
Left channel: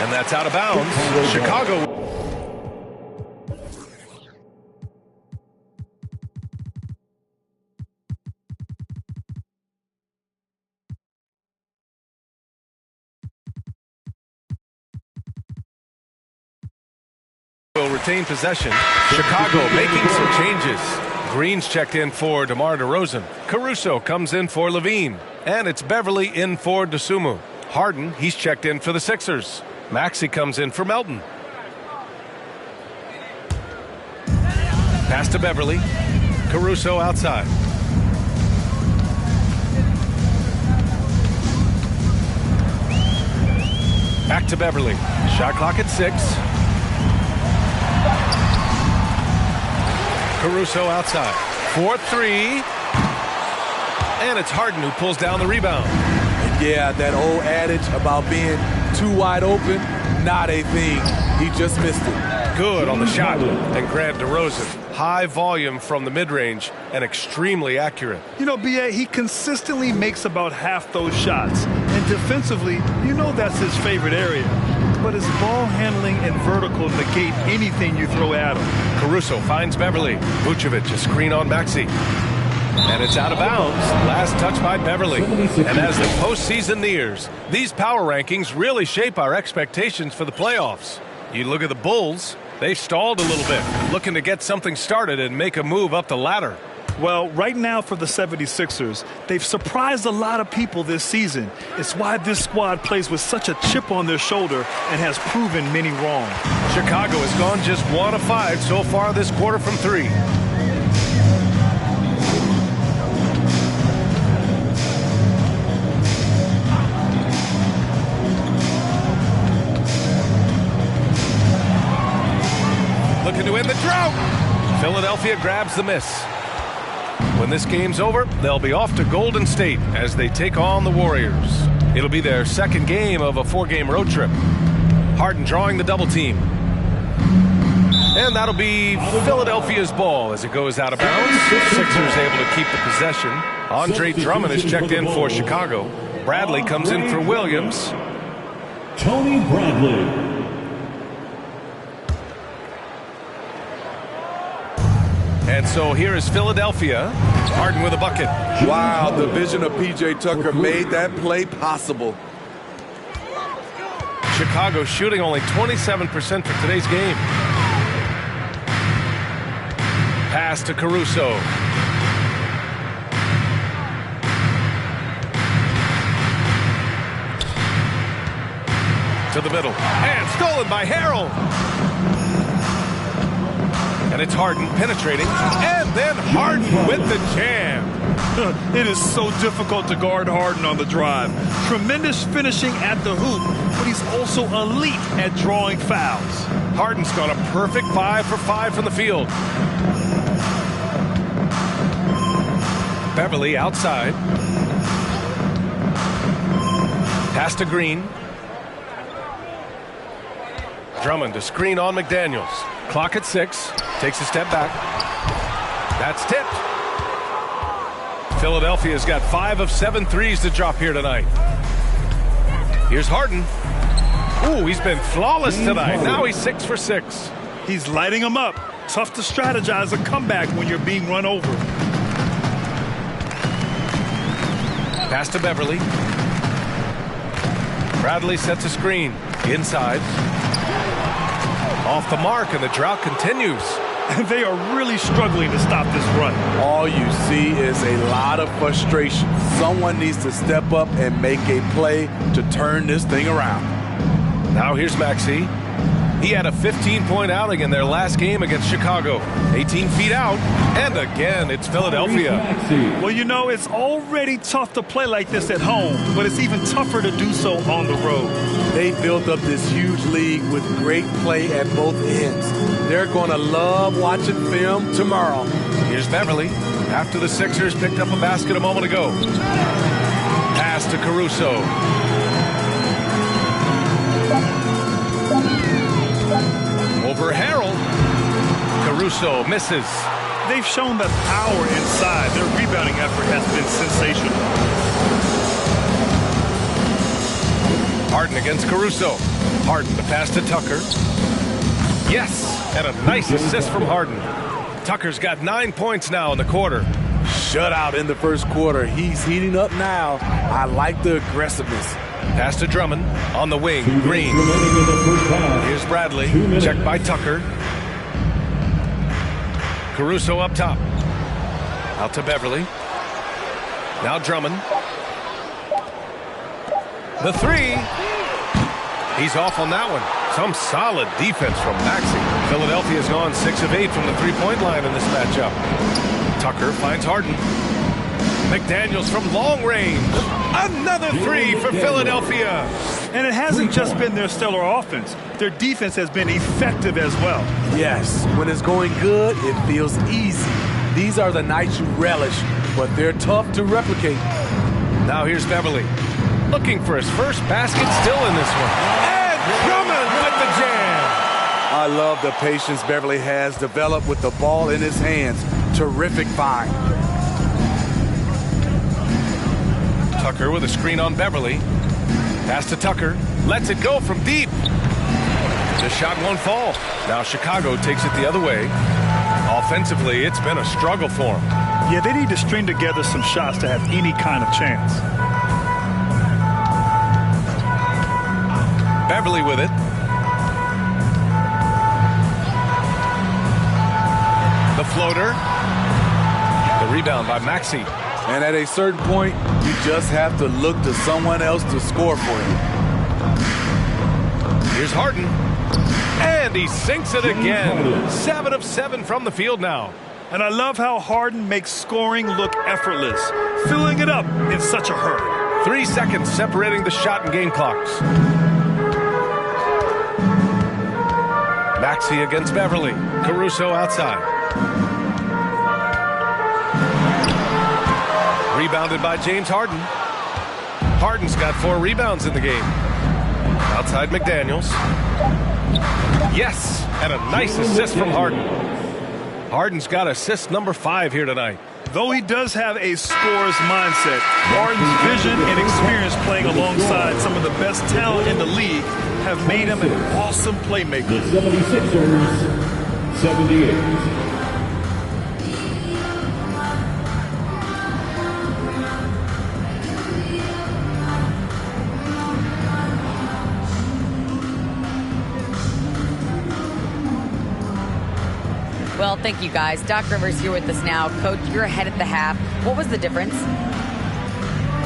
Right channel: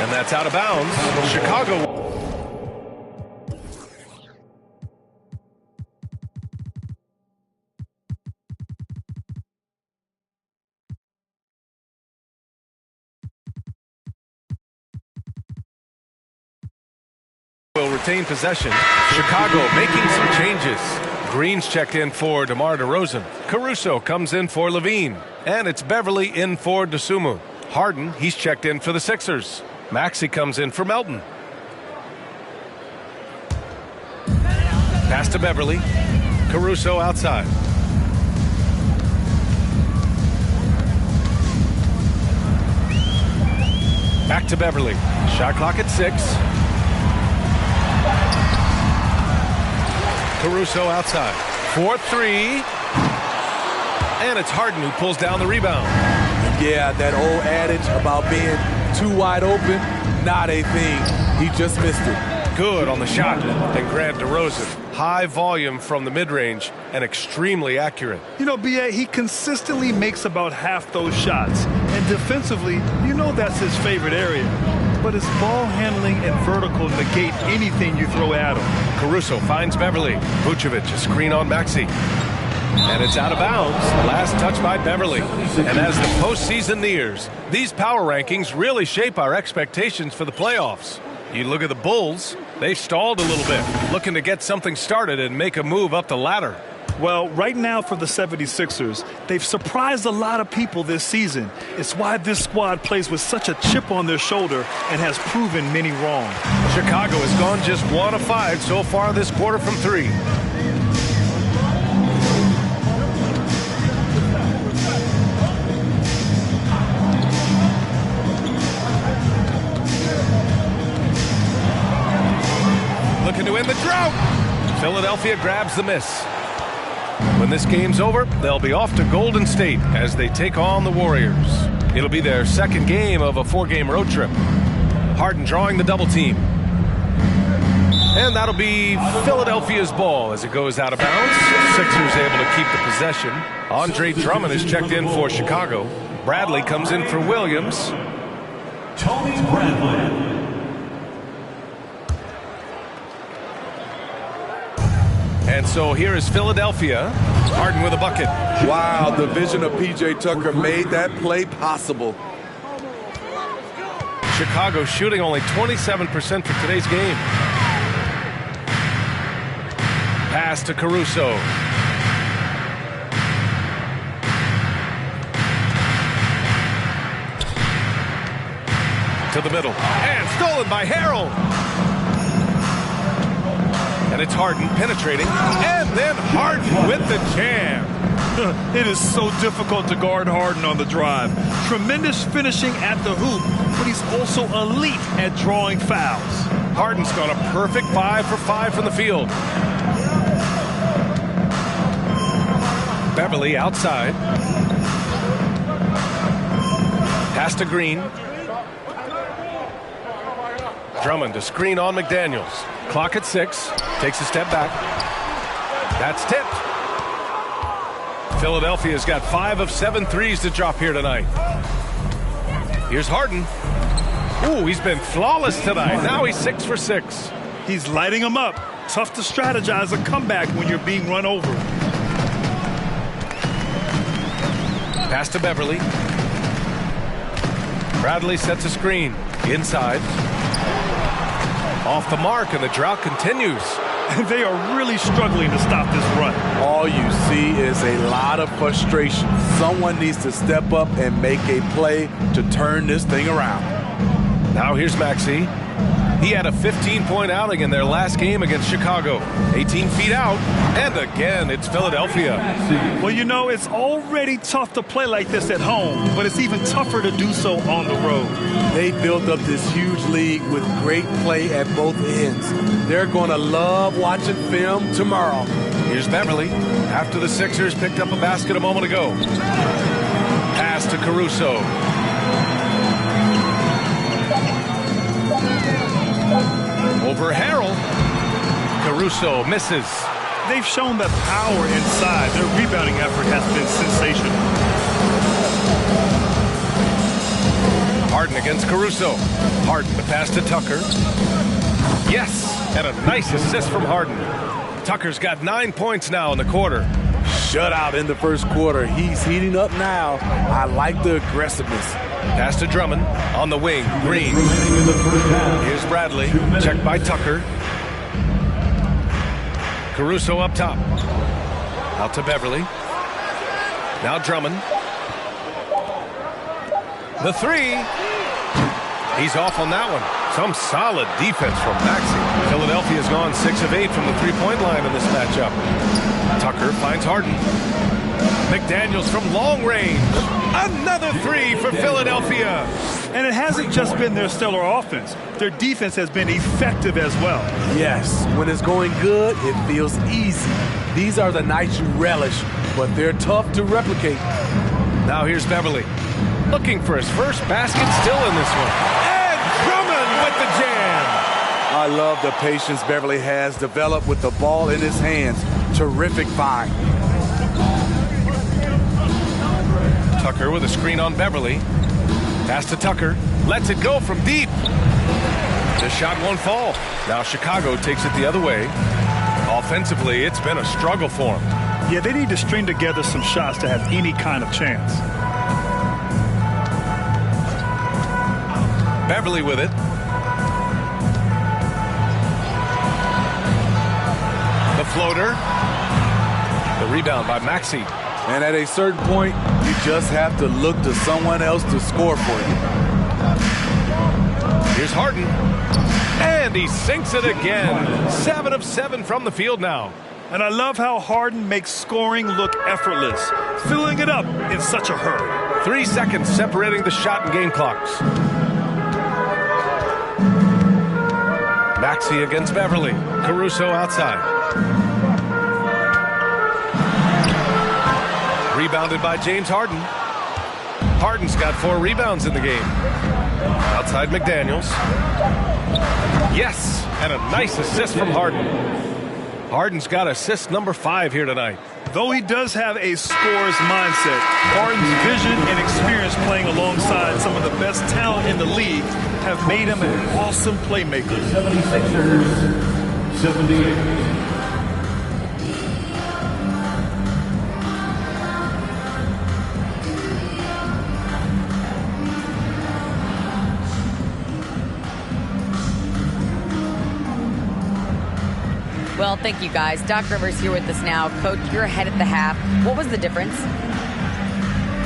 And that's out of bounds. Chicago. Will retain possession. Chicago making some changes. Green's checked in for DeMar DeRozan. Caruso comes in for Levine. And it's Beverly in for DeSumo. Harden, he's checked in for the Sixers. Maxey comes in for Melton. Pass to Beverly. Caruso outside. Back to Beverly. Shot clock at 6. Caruso outside. 4-3. And it's Harden who pulls down the rebound. And yeah, that old adage about being too wide open, not a thing. He just missed it. Good on the shot. And Grant DeRozan. High volume from the mid-range and extremely accurate. You know, BA, he consistently makes about half those shots. And defensively, you know that's his favorite area. But his ball handling and vertical negate anything you throw at him. Caruso finds Beverly. Vucevic, a screen on Maxey. And it's out of bounds. Last touch by Beverly. And as the postseason nears, these power rankings really shape our expectations for the playoffs. You look at the Bulls, they've stalled a little bit, looking to get something started and make a move up the ladder. Well, right now for the 76ers, they've surprised a lot of people this season. It's why this squad plays with such a chip on their shoulder and has proven many wrong. Chicago has gone just 1 of 5 so far this quarter from 3. Looking to end the drought. Philadelphia grabs the miss. When this game's over, they'll be off to Golden State as they take on the Warriors. It'll be their second game of a 4-game road trip. Harden drawing the double team. And that'll be Philadelphia's ball as it goes out of bounds. Sixers able to keep the possession. Andre Drummond is checked in for Chicago. Bradley comes in for Williams. Tony Bradley. And so here is Philadelphia. Harden with a bucket. Wow, the vision of P.J. Tucker made that play possible. Chicago shooting only 27% for today's game. Pass to Caruso. To the middle. And stolen by Harrell. And it's Harden penetrating. And then Harden with the jam. It is so difficult to guard Harden on the drive. Tremendous finishing at the hoop, but he's also elite at drawing fouls. Harden's got a perfect 5 for 5 from the field. Beverly outside. Pass to Green. Drummond to screen on McDaniels. Clock at 6. Takes a step back. That's tipped. Philadelphia's got 5 of 7 threes to drop here tonight. Here's Harden. Ooh, he's been flawless tonight. Now he's 6 for 6. He's lighting them up. Tough to strategize a comeback when you're being run over. Pass to Beverly. Bradley sets a screen. Inside. Off the mark, and the drought continues. And they are really struggling to stop this run. All you see is a lot of frustration. Someone needs to step up and make a play to turn this thing around. Now here's Maxey. He had a 15-point outing in their last game against Chicago. 18 feet out, and again, it's Philadelphia. Well, you know, it's already tough to play like this at home, but it's even tougher to do so on the road. They built up this huge league with great play at both ends. They're going to love watching film tomorrow. Here's Beverly. After the Sixers picked up a basket a moment ago. Pass to Caruso. Over Harrell. Caruso misses. They've shown that power inside. Their rebounding effort has been sensational. Harden against Caruso. Harden to pass to Tucker. Yes, and a nice assist from Harden. Tucker's got 9 points now in the quarter. Shutout in the first quarter. He's heating up now. I like the aggressiveness. Pass to Drummond on the wing. Green. Here's Bradley. Checked by Tucker. Caruso up top. Out to Beverly. Now Drummond. The 3. He's off on that one. Some solid defense from Maxey. Philadelphia's gone 6 of 8 from the three-point line in this matchup. Tucker finds Harden. McDaniels from long range. Another 3 for Philadelphia. And it hasn't just been their stellar offense. Their defense has been effective as well. Yes, when it's going good, it feels easy. These are the nights you relish, but they're tough to replicate. Now here's Beverly. Looking for his first basket still in this one. And Drummond with the jam. I love the patience Beverly has developed with the ball in his hands. Terrific find. Tucker with a screen on Beverly. Pass to Tucker. Lets it go from deep. The shot won't fall. Now Chicago takes it the other way. Offensively, it's been a struggle for them. Yeah, they need to string together some shots to have any kind of chance. Beverly with it. The floater. The rebound by Maxey. And at a certain point, you just have to look to someone else to score for you. Here's Harden. And he sinks it again. 7 of 7 from the field now. And I love how Harden makes scoring look effortless, filling it up in such a hurry. 3 seconds separating the shot and game clocks. Maxey against Beverly. Caruso outside. Rebounded by James Harden. Harden's got 4 rebounds in the game. Outside McDaniels. Yes, and a nice assist from Harden. Harden's got assist number 5 here tonight. Though he does have a scorer's mindset, Harden's vision and experience playing alongside some of the best talent in the league have made him an awesome playmaker. The 76ers, 78. Well, thank you, guys. Doc Rivers here with us now. Coach, you're ahead at the half. What was the difference?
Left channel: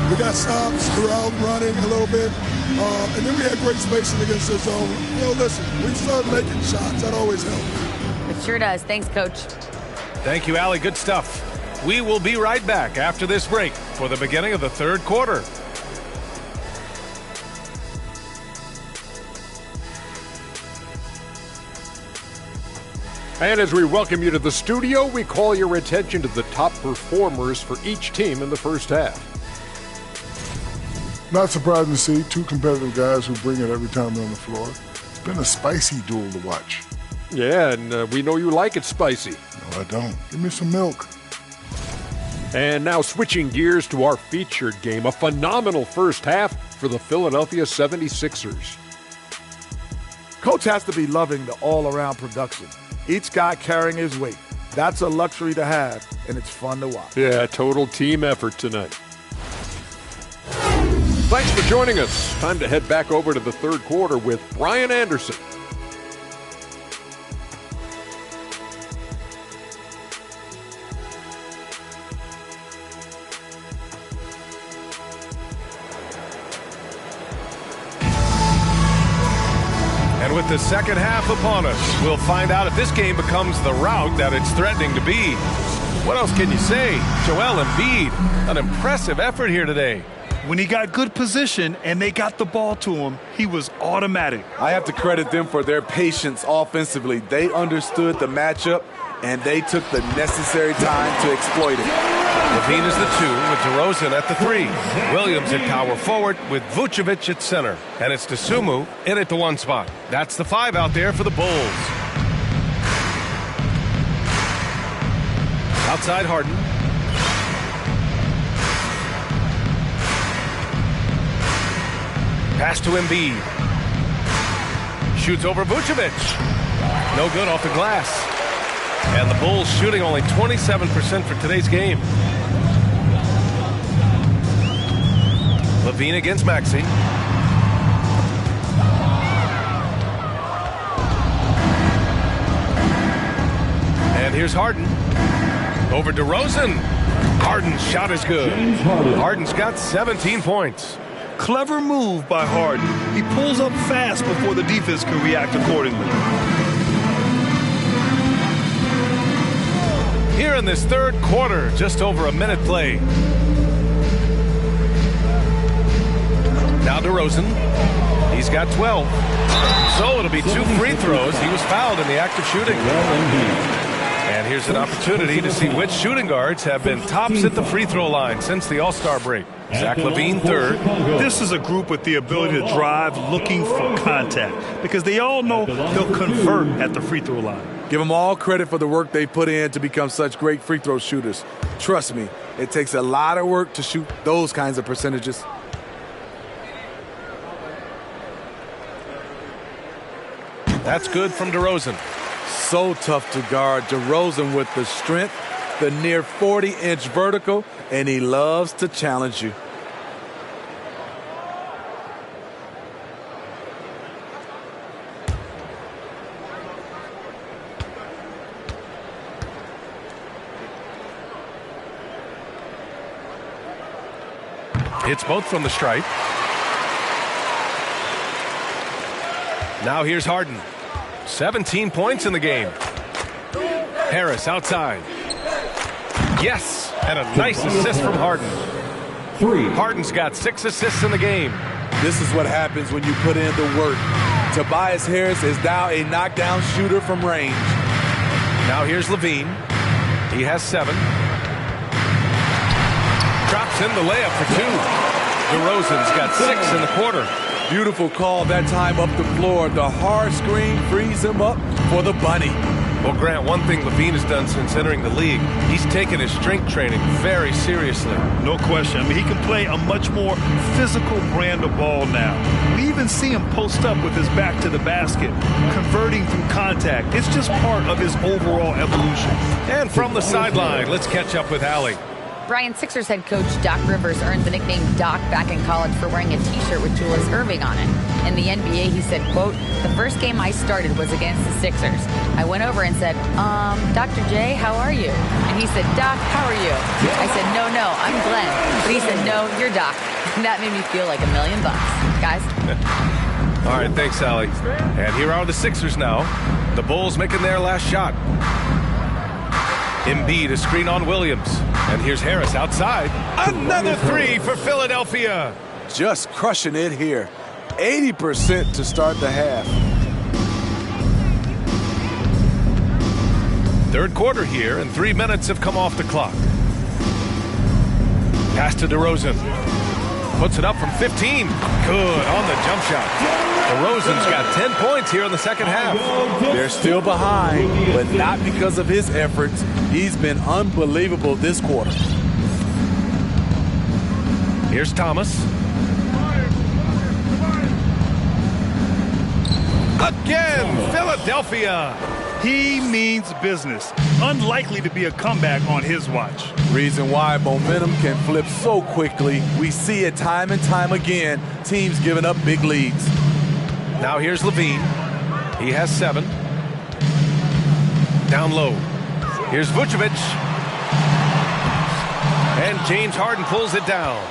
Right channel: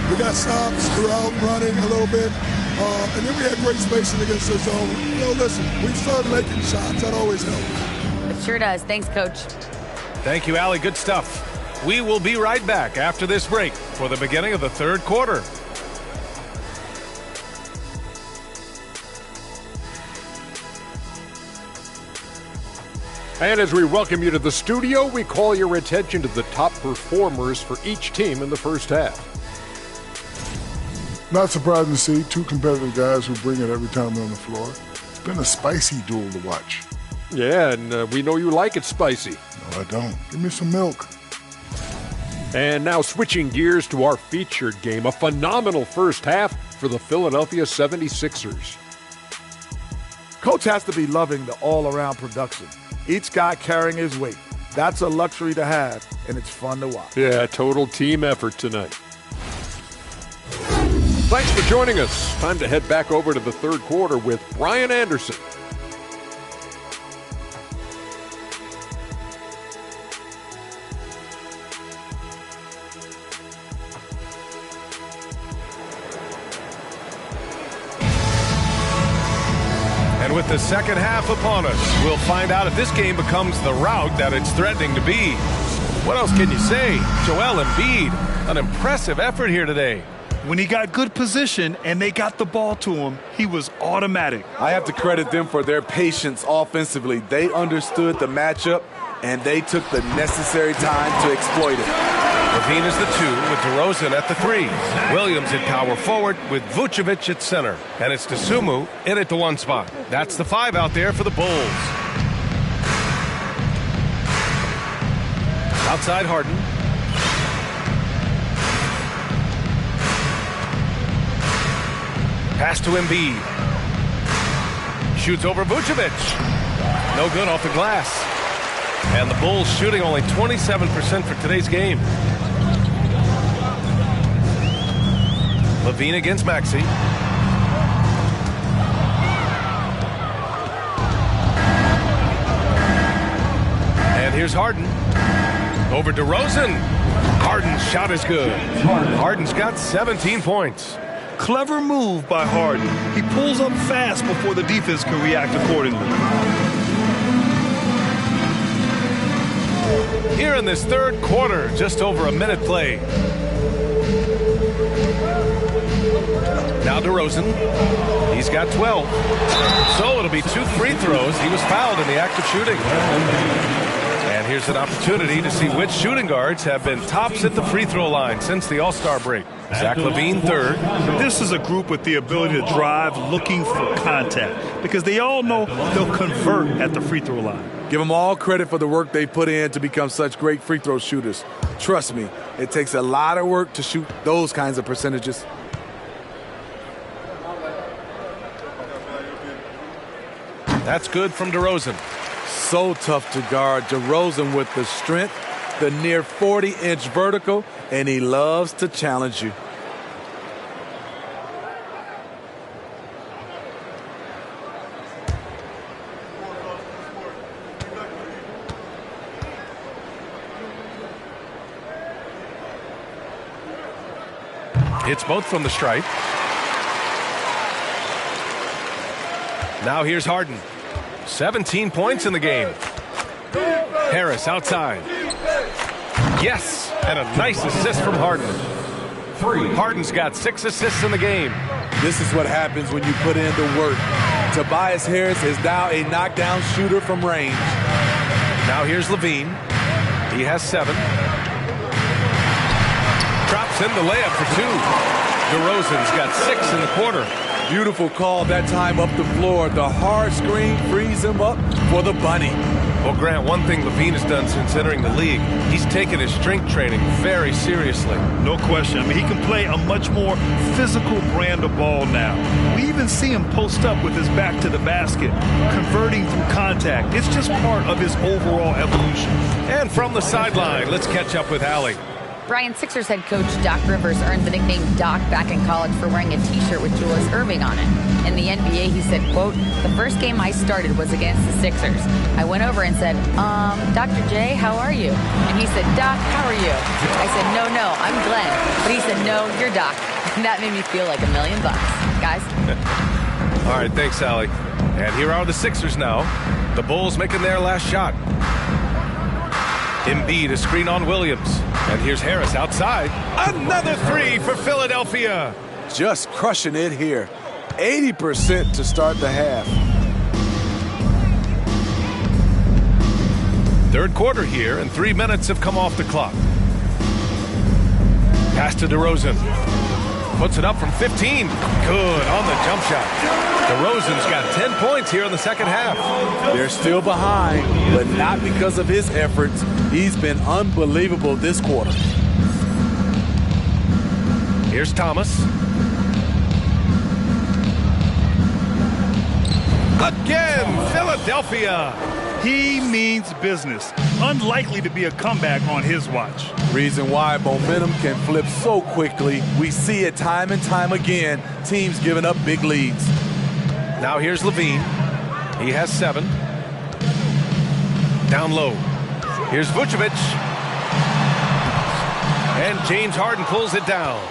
We got stops throughout, running a little bit, and then we had great spacing against the zone. Listen, we started making shots. That always helps. It sure does. Thanks, Coach. Thank you, Allie. Good stuff. We will be right back after this break for the beginning of the third quarter. And as we welcome you to the studio, we call your attention to the top performers for each team in the first half. Not surprising to see 2 competitive guys who bring it every time they're on the floor. It's been a spicy duel to watch. Yeah, and we know you like it spicy. No, I don't. Give me some milk. And now switching gears to our featured game, a phenomenal first half for the Philadelphia 76ers. Coach has to be loving the all-around production. Each guy carrying his weight. That's a luxury to have, and it's fun to watch. Yeah, total team effort tonight. Thanks for joining us. Time to head back over to the third quarter with Brian Anderson. And with the second half upon us, we'll find out if this game becomes the rout that it's threatening to be. What else can you say? Joel Embiid, an impressive effort here today. When he got good position and they got the ball to him, he was automatic. I have to credit them for their patience offensively. They understood the matchup, and they took the necessary time to exploit it. Levine is the 2 with DeRozan at the 3. Williams at power forward with Vucevic at center. And it's Dosunmu in at the 1 spot. That's the 5 out there for the Bulls. Outside Harden. Pass to Embiid. Shoots over Vucevic. No good off the glass. And the Bulls shooting only 27% for today's game. Levine against Maxey. And here's Harden. Over DeRozan. Harden's shot is good. Harden's got 17 points. Clever move by Harden. He pulls up fast before the defense can react accordingly. Here in this third quarter, just over a minute played. Now DeRozan. He's got 12. So it'll be 2 free throws. He was fouled in the act of shooting. And here's an opportunity to see which shooting guards have been tops at the free throw line since the All-Star break. Zach LaVine, 3rd. This is a group with the ability to drive looking for contact because they all know they'll convert at the free throw line. Give them all credit for the work they put in to become such great free throw shooters. Trust me, it takes a lot of work to shoot those kinds of percentages. That's good from DeRozan. So tough to guard. DeRozan with the strength, the near 40-inch vertical, and he loves to challenge you. Hits both from the stripe. Now here's Harden. 17 points in the game. Harris outside. Yes, and a nice assist from Harden. Harden's got 6 assists in the game. This is what happens when you put in the work. Tobias Harris is now a knockdown shooter from range. Now here's Levine. He has 7. Drops in the layup for 2. DeRozan's got 6 in the quarter. Beautiful call that time up the floor. The hard screen frees him up for the bunny. Well, Grant, one thing Levine has done since entering the league, he's taken his strength training very seriously. No question. I mean, he can play a much more physical brand of ball now. We even see him post up with his back to the basket, converting through contact. It's just part of his overall evolution. And from the sideline, let's catch up with Allie. Brian, Sixers head coach Doc Rivers earned the nickname Doc back in college for wearing a T-shirt with Julius Erving on it. In the NBA, he said, quote, "The first game I started was against the Sixers. I went over and said, Dr. J, how are you?" And he said, "Doc, how are you?" I said, no, I'm Glenn." But he said, "No, you're Doc." And that made me feel like $1 million. Guys. All right, thanks, Allie. And here are the Sixers now. The Bulls making their last shot. Embiid, a screen on Williams. And here's Harris outside. Another 3 for Philadelphia. Just crushing it here. 80% to start the half. Third quarter here, and 3 minutes have come off the clock. Pass to DeRozan. Puts it up from 15. Good on the jump shot. DeRozan's got 10 points here in the second half. They're still behind, but not because of his efforts. He's been unbelievable this quarter. Here's Thomas. Again, Philadelphia. He means business. Unlikely to be a comeback on his watch. Reason why momentum can flip so quickly. We see it time and time again. Teams giving up big leads. Now here's Levine. He has 7. Down low. Here's Vucevic. And James Harden pulls it down.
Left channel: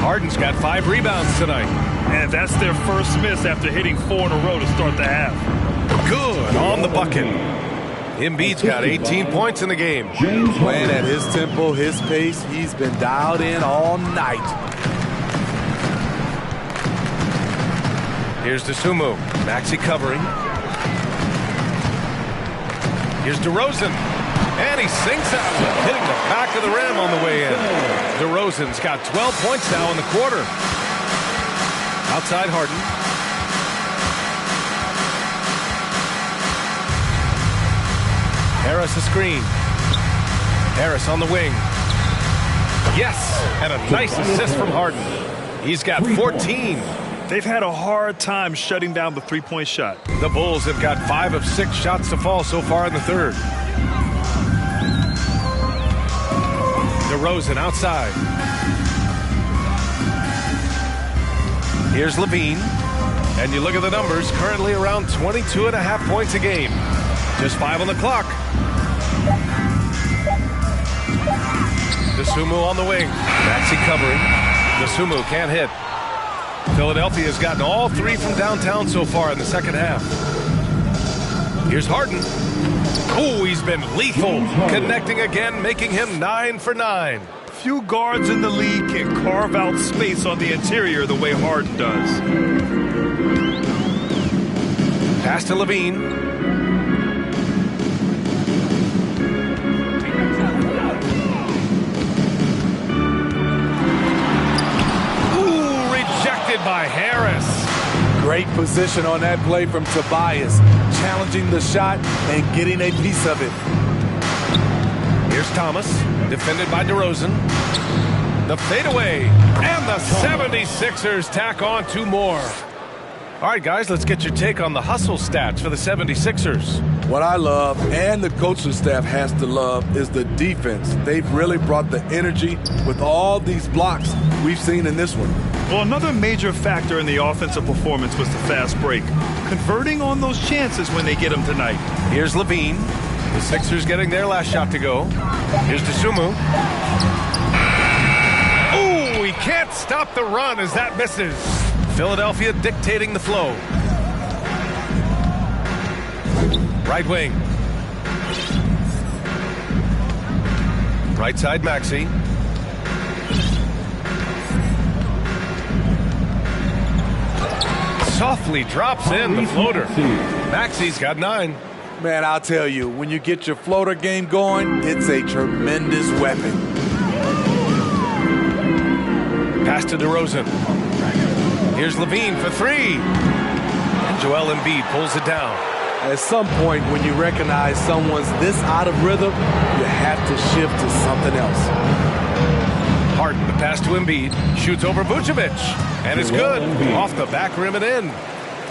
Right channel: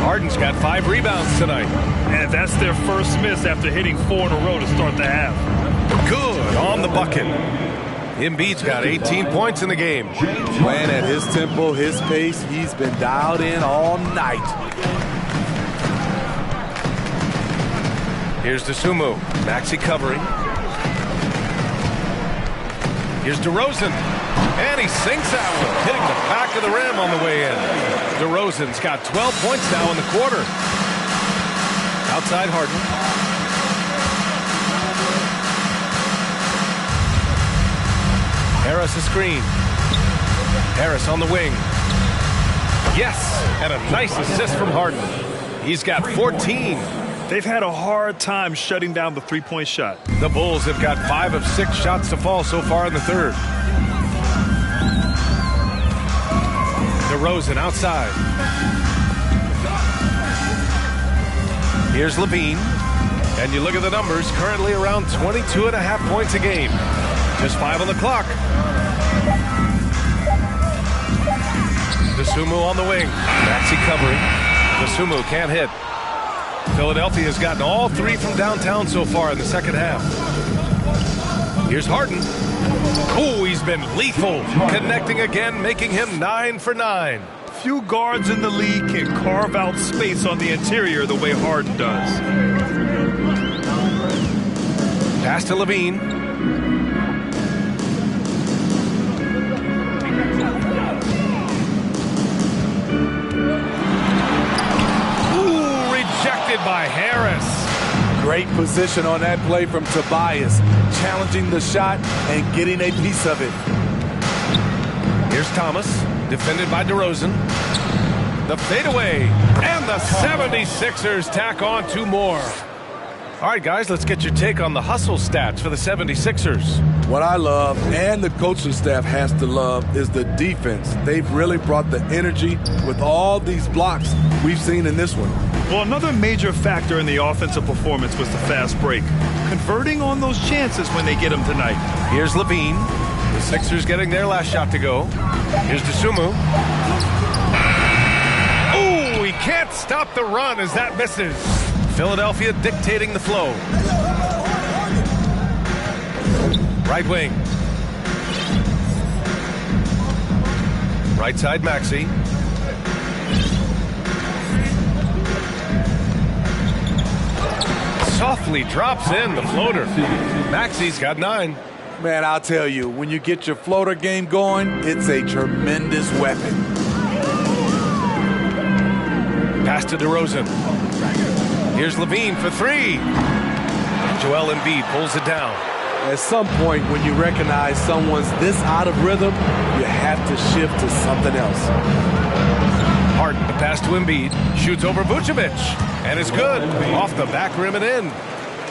Harden's got 5 rebounds tonight. And that's their first miss after hitting 4 in a row to start the half. Good on the bucket. Embiid's got 18 points in the game. Playing at his tempo, his pace. He's been dialed in all night. Here's DeSumo. Maxey covering. Here's DeRozan. And he sinks that one, hitting the back of the rim on the way in. DeRozan's got 12 points now in the quarter. Outside Harden. Harris a screen. Harris on the wing. Yes, and a nice assist from Harden. He's got 14. They've had a hard time shutting down the three-point shot. The Bulls have got 5 of 6 shots to fall so far in the third. DeRozan outside. Here's Levine. And you look at the numbers, currently around 22.5 points a game. Just 5 on the clock. DeSumo on the wing. Maxey covering. DeSumo can't hit. Philadelphia's gotten all 3 from downtown so far in the second half. Here's Harden. Oh, he's been lethal. Connecting again, making him 9 for 9. Few guards in the league can carve out space on the interior the way Harden does. Pass to Levine. Rejected by Harris. Great position on that play from Tobias, challenging the shot and getting a piece of it. Here's Thomas, defended by DeRozan. The fadeaway, and the 76ers tack on 2 more. All right, guys, let's get your take on the hustle stats for the 76ers. What I love, and the coaching staff has to love, is the defense. They've really brought the energy with all these blocks we've seen in this one. Well, another major factor in the offensive performance was the fast break. Converting on those chances when they get them tonight. Here's Levine. The Sixers getting their last shot to go. Here's DeSumo. Oh, he can't stop the run as that misses. Philadelphia dictating the flow. Right wing. Right side, Maxey. Softly drops in the floater. Maxey's got 9. Man, I'll tell you, when you get your floater game going, it's a tremendous weapon. Pass to DeRozan. Here's Levine for 3. And Joel Embiid pulls it down. At some point, when you recognize someone's this out of rhythm, you have to shift to something else. Harden, the pass to Embiid, shoots over Vucevic, and it's good. Off the back rim and in.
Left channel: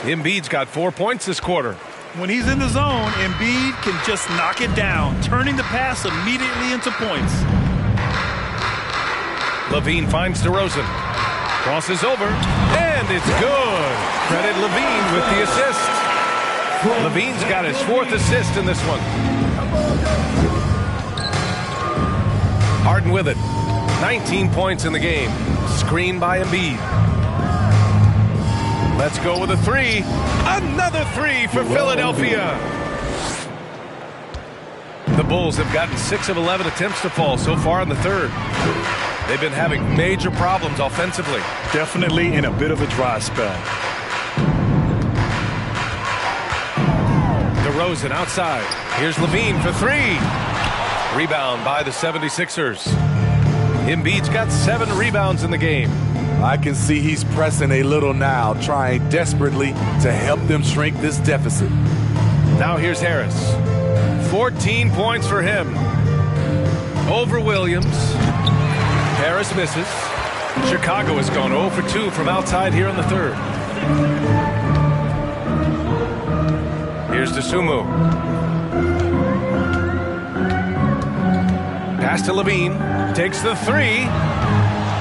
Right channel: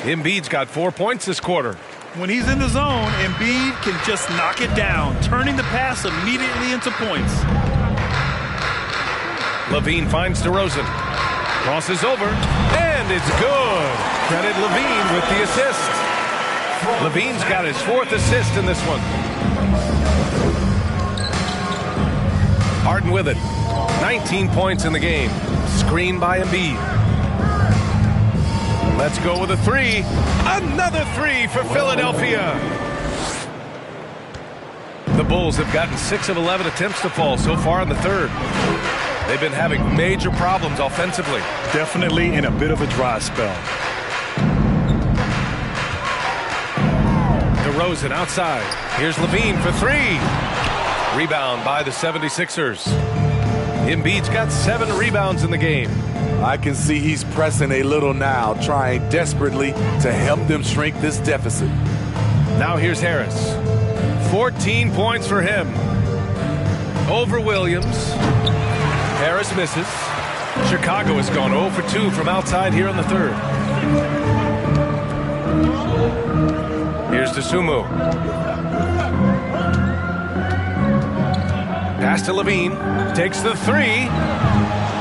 Embiid's got 4 points this quarter. When he's in the zone, Embiid can just knock it down, turning the pass immediately into points. Levine finds DeRozan. Crosses over, and it's good. Credit Levine with the assist. Levine's got his 4th assist in this one. Harden with it. 19 points in the game. Screen by Embiid. Let's go with a 3. Another 3 for Philadelphia. The Bulls have gotten 6 of 11 attempts to fall so far in the third. They've been having major problems offensively. Definitely in a bit of a dry spell. DeRozan outside. Here's Levine for 3. Rebound by the 76ers. Embiid's got 7 rebounds in the game. I can see he's pressing a little now, trying desperately to help them shrink this deficit. Now here's Harris. 14 points for him. Over Williams. Harris misses. Chicago has gone 0 for 2 from outside here in the third. Here's DeSumo. Pass to Levine. Takes the 3.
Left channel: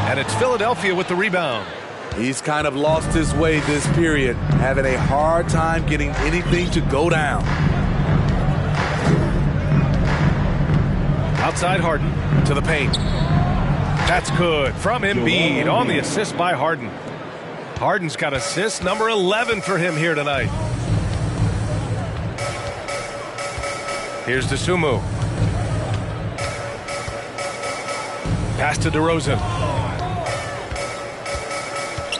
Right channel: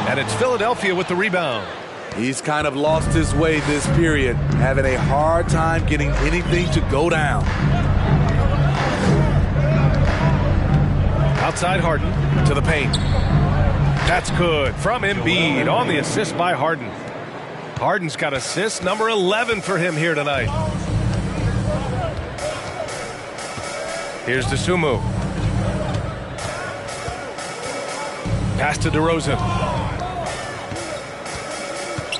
And it's Philadelphia with the rebound. He's kind of lost his way this period, having a hard time getting anything to go down. Outside Harden to the paint. That's good from Embiid on the assist by Harden. Harden's got assist number 11 for him here tonight. Here's DeSumo. Pass to DeRozan.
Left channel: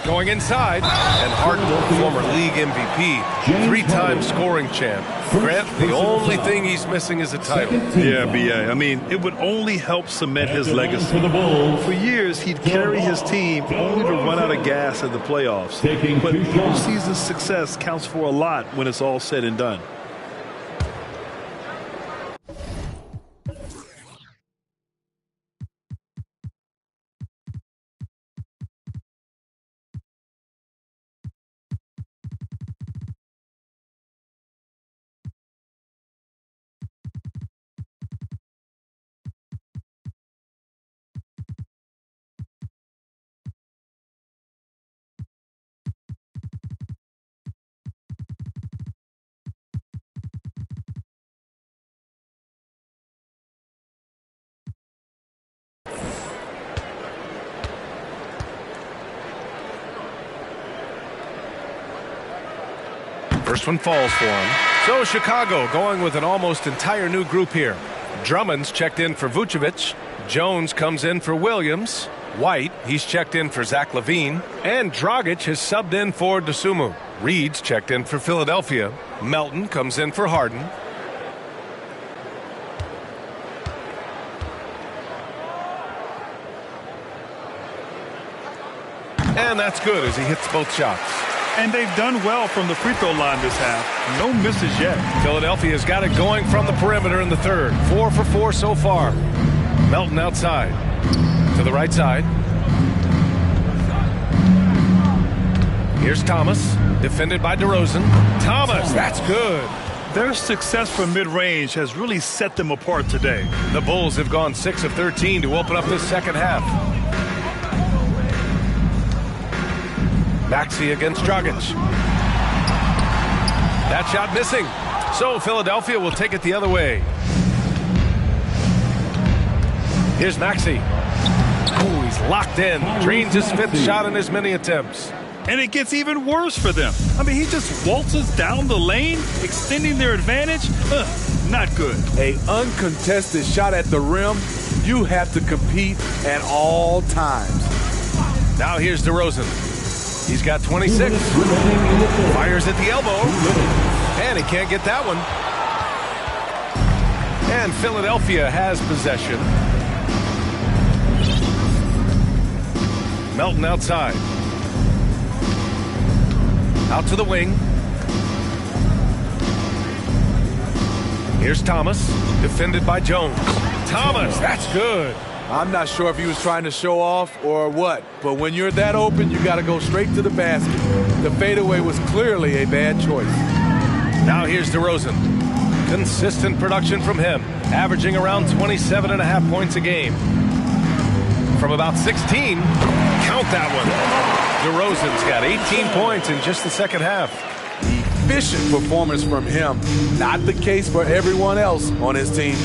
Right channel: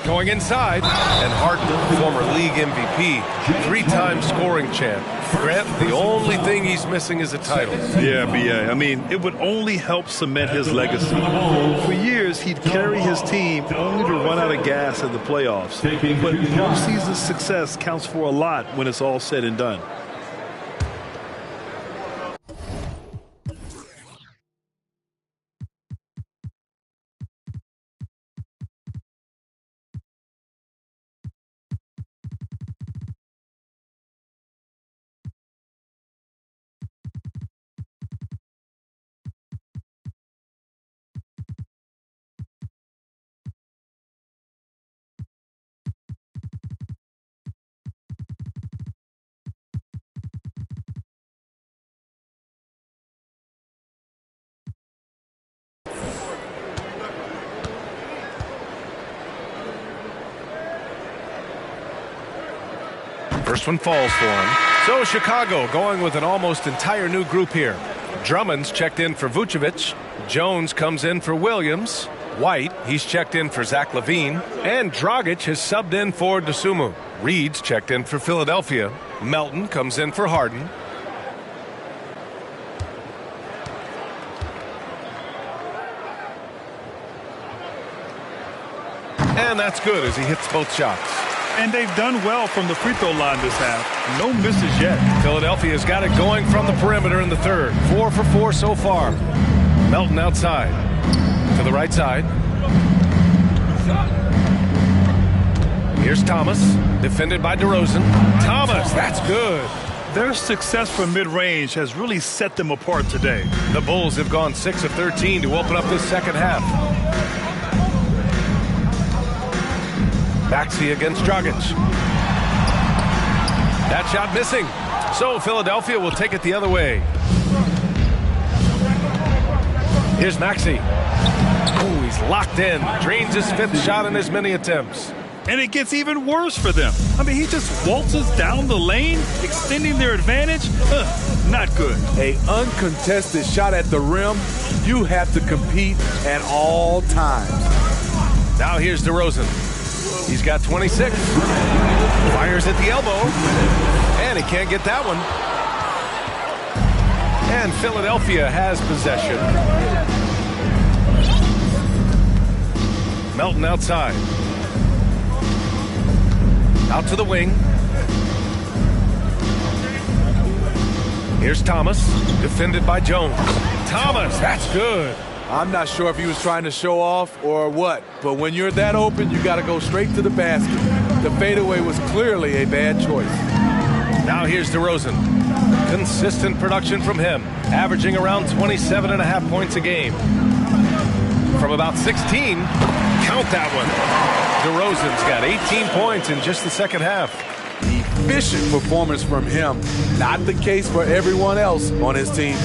Going inside, and Harden, the former league MVP, 3-time scoring champ. Grant, the only thing he's missing is a title. Yeah, BA. I mean, it would only help cement his legacy. For years, he'd carry his team only to run out of gas in the playoffs. But postseason success counts for a lot when it's all said and done. First one falls for him. So Chicago going with an almost entire new group here. Drummond's checked in for Vucevic. Jones comes in for Williams. White, he's checked in for Zach LaVine. And Dragic has subbed in for DeSumo. Reed's checked in for Philadelphia. Melton comes in for Harden. And that's good as he hits both shots. And they've done well from the free throw line this half. No misses yet. Philadelphia's got it going from the perimeter in the third. 4 for 4 so far. Melton outside. To the right side. Here's Thomas. Defended by DeRozan. Thomas, that's good. Their success from mid-range has really set them apart today. The Bulls have gone 6 of 13 to open up this second half. Maxey against Dragic. That shot missing. So Philadelphia will take it the other way. Here's Maxey. Oh, he's locked in. Drains his 5th shot in as many attempts. And it gets even worse for them. I mean, he just waltzes down the lane, extending their advantage. Not good. A uncontested shot at the rim. You have to compete at all times. Now here's DeRozan. He's got 26. Fires at the elbow. And he can't get that one. And Philadelphia has possession. Melton outside. Out to the wing. Here's Thomas, defended by Jones. Thomas, that's good. I'm not sure if he was trying to show off or what, but when you're that open, you got to go straight to the basket. The fadeaway was clearly a bad choice. Now here's DeRozan. Consistent production from him, averaging around 27.5 points a game. From about 16, count that one. DeRozan's got 18 points in just the second half. Efficient performance from him. Not the case for everyone else on his team.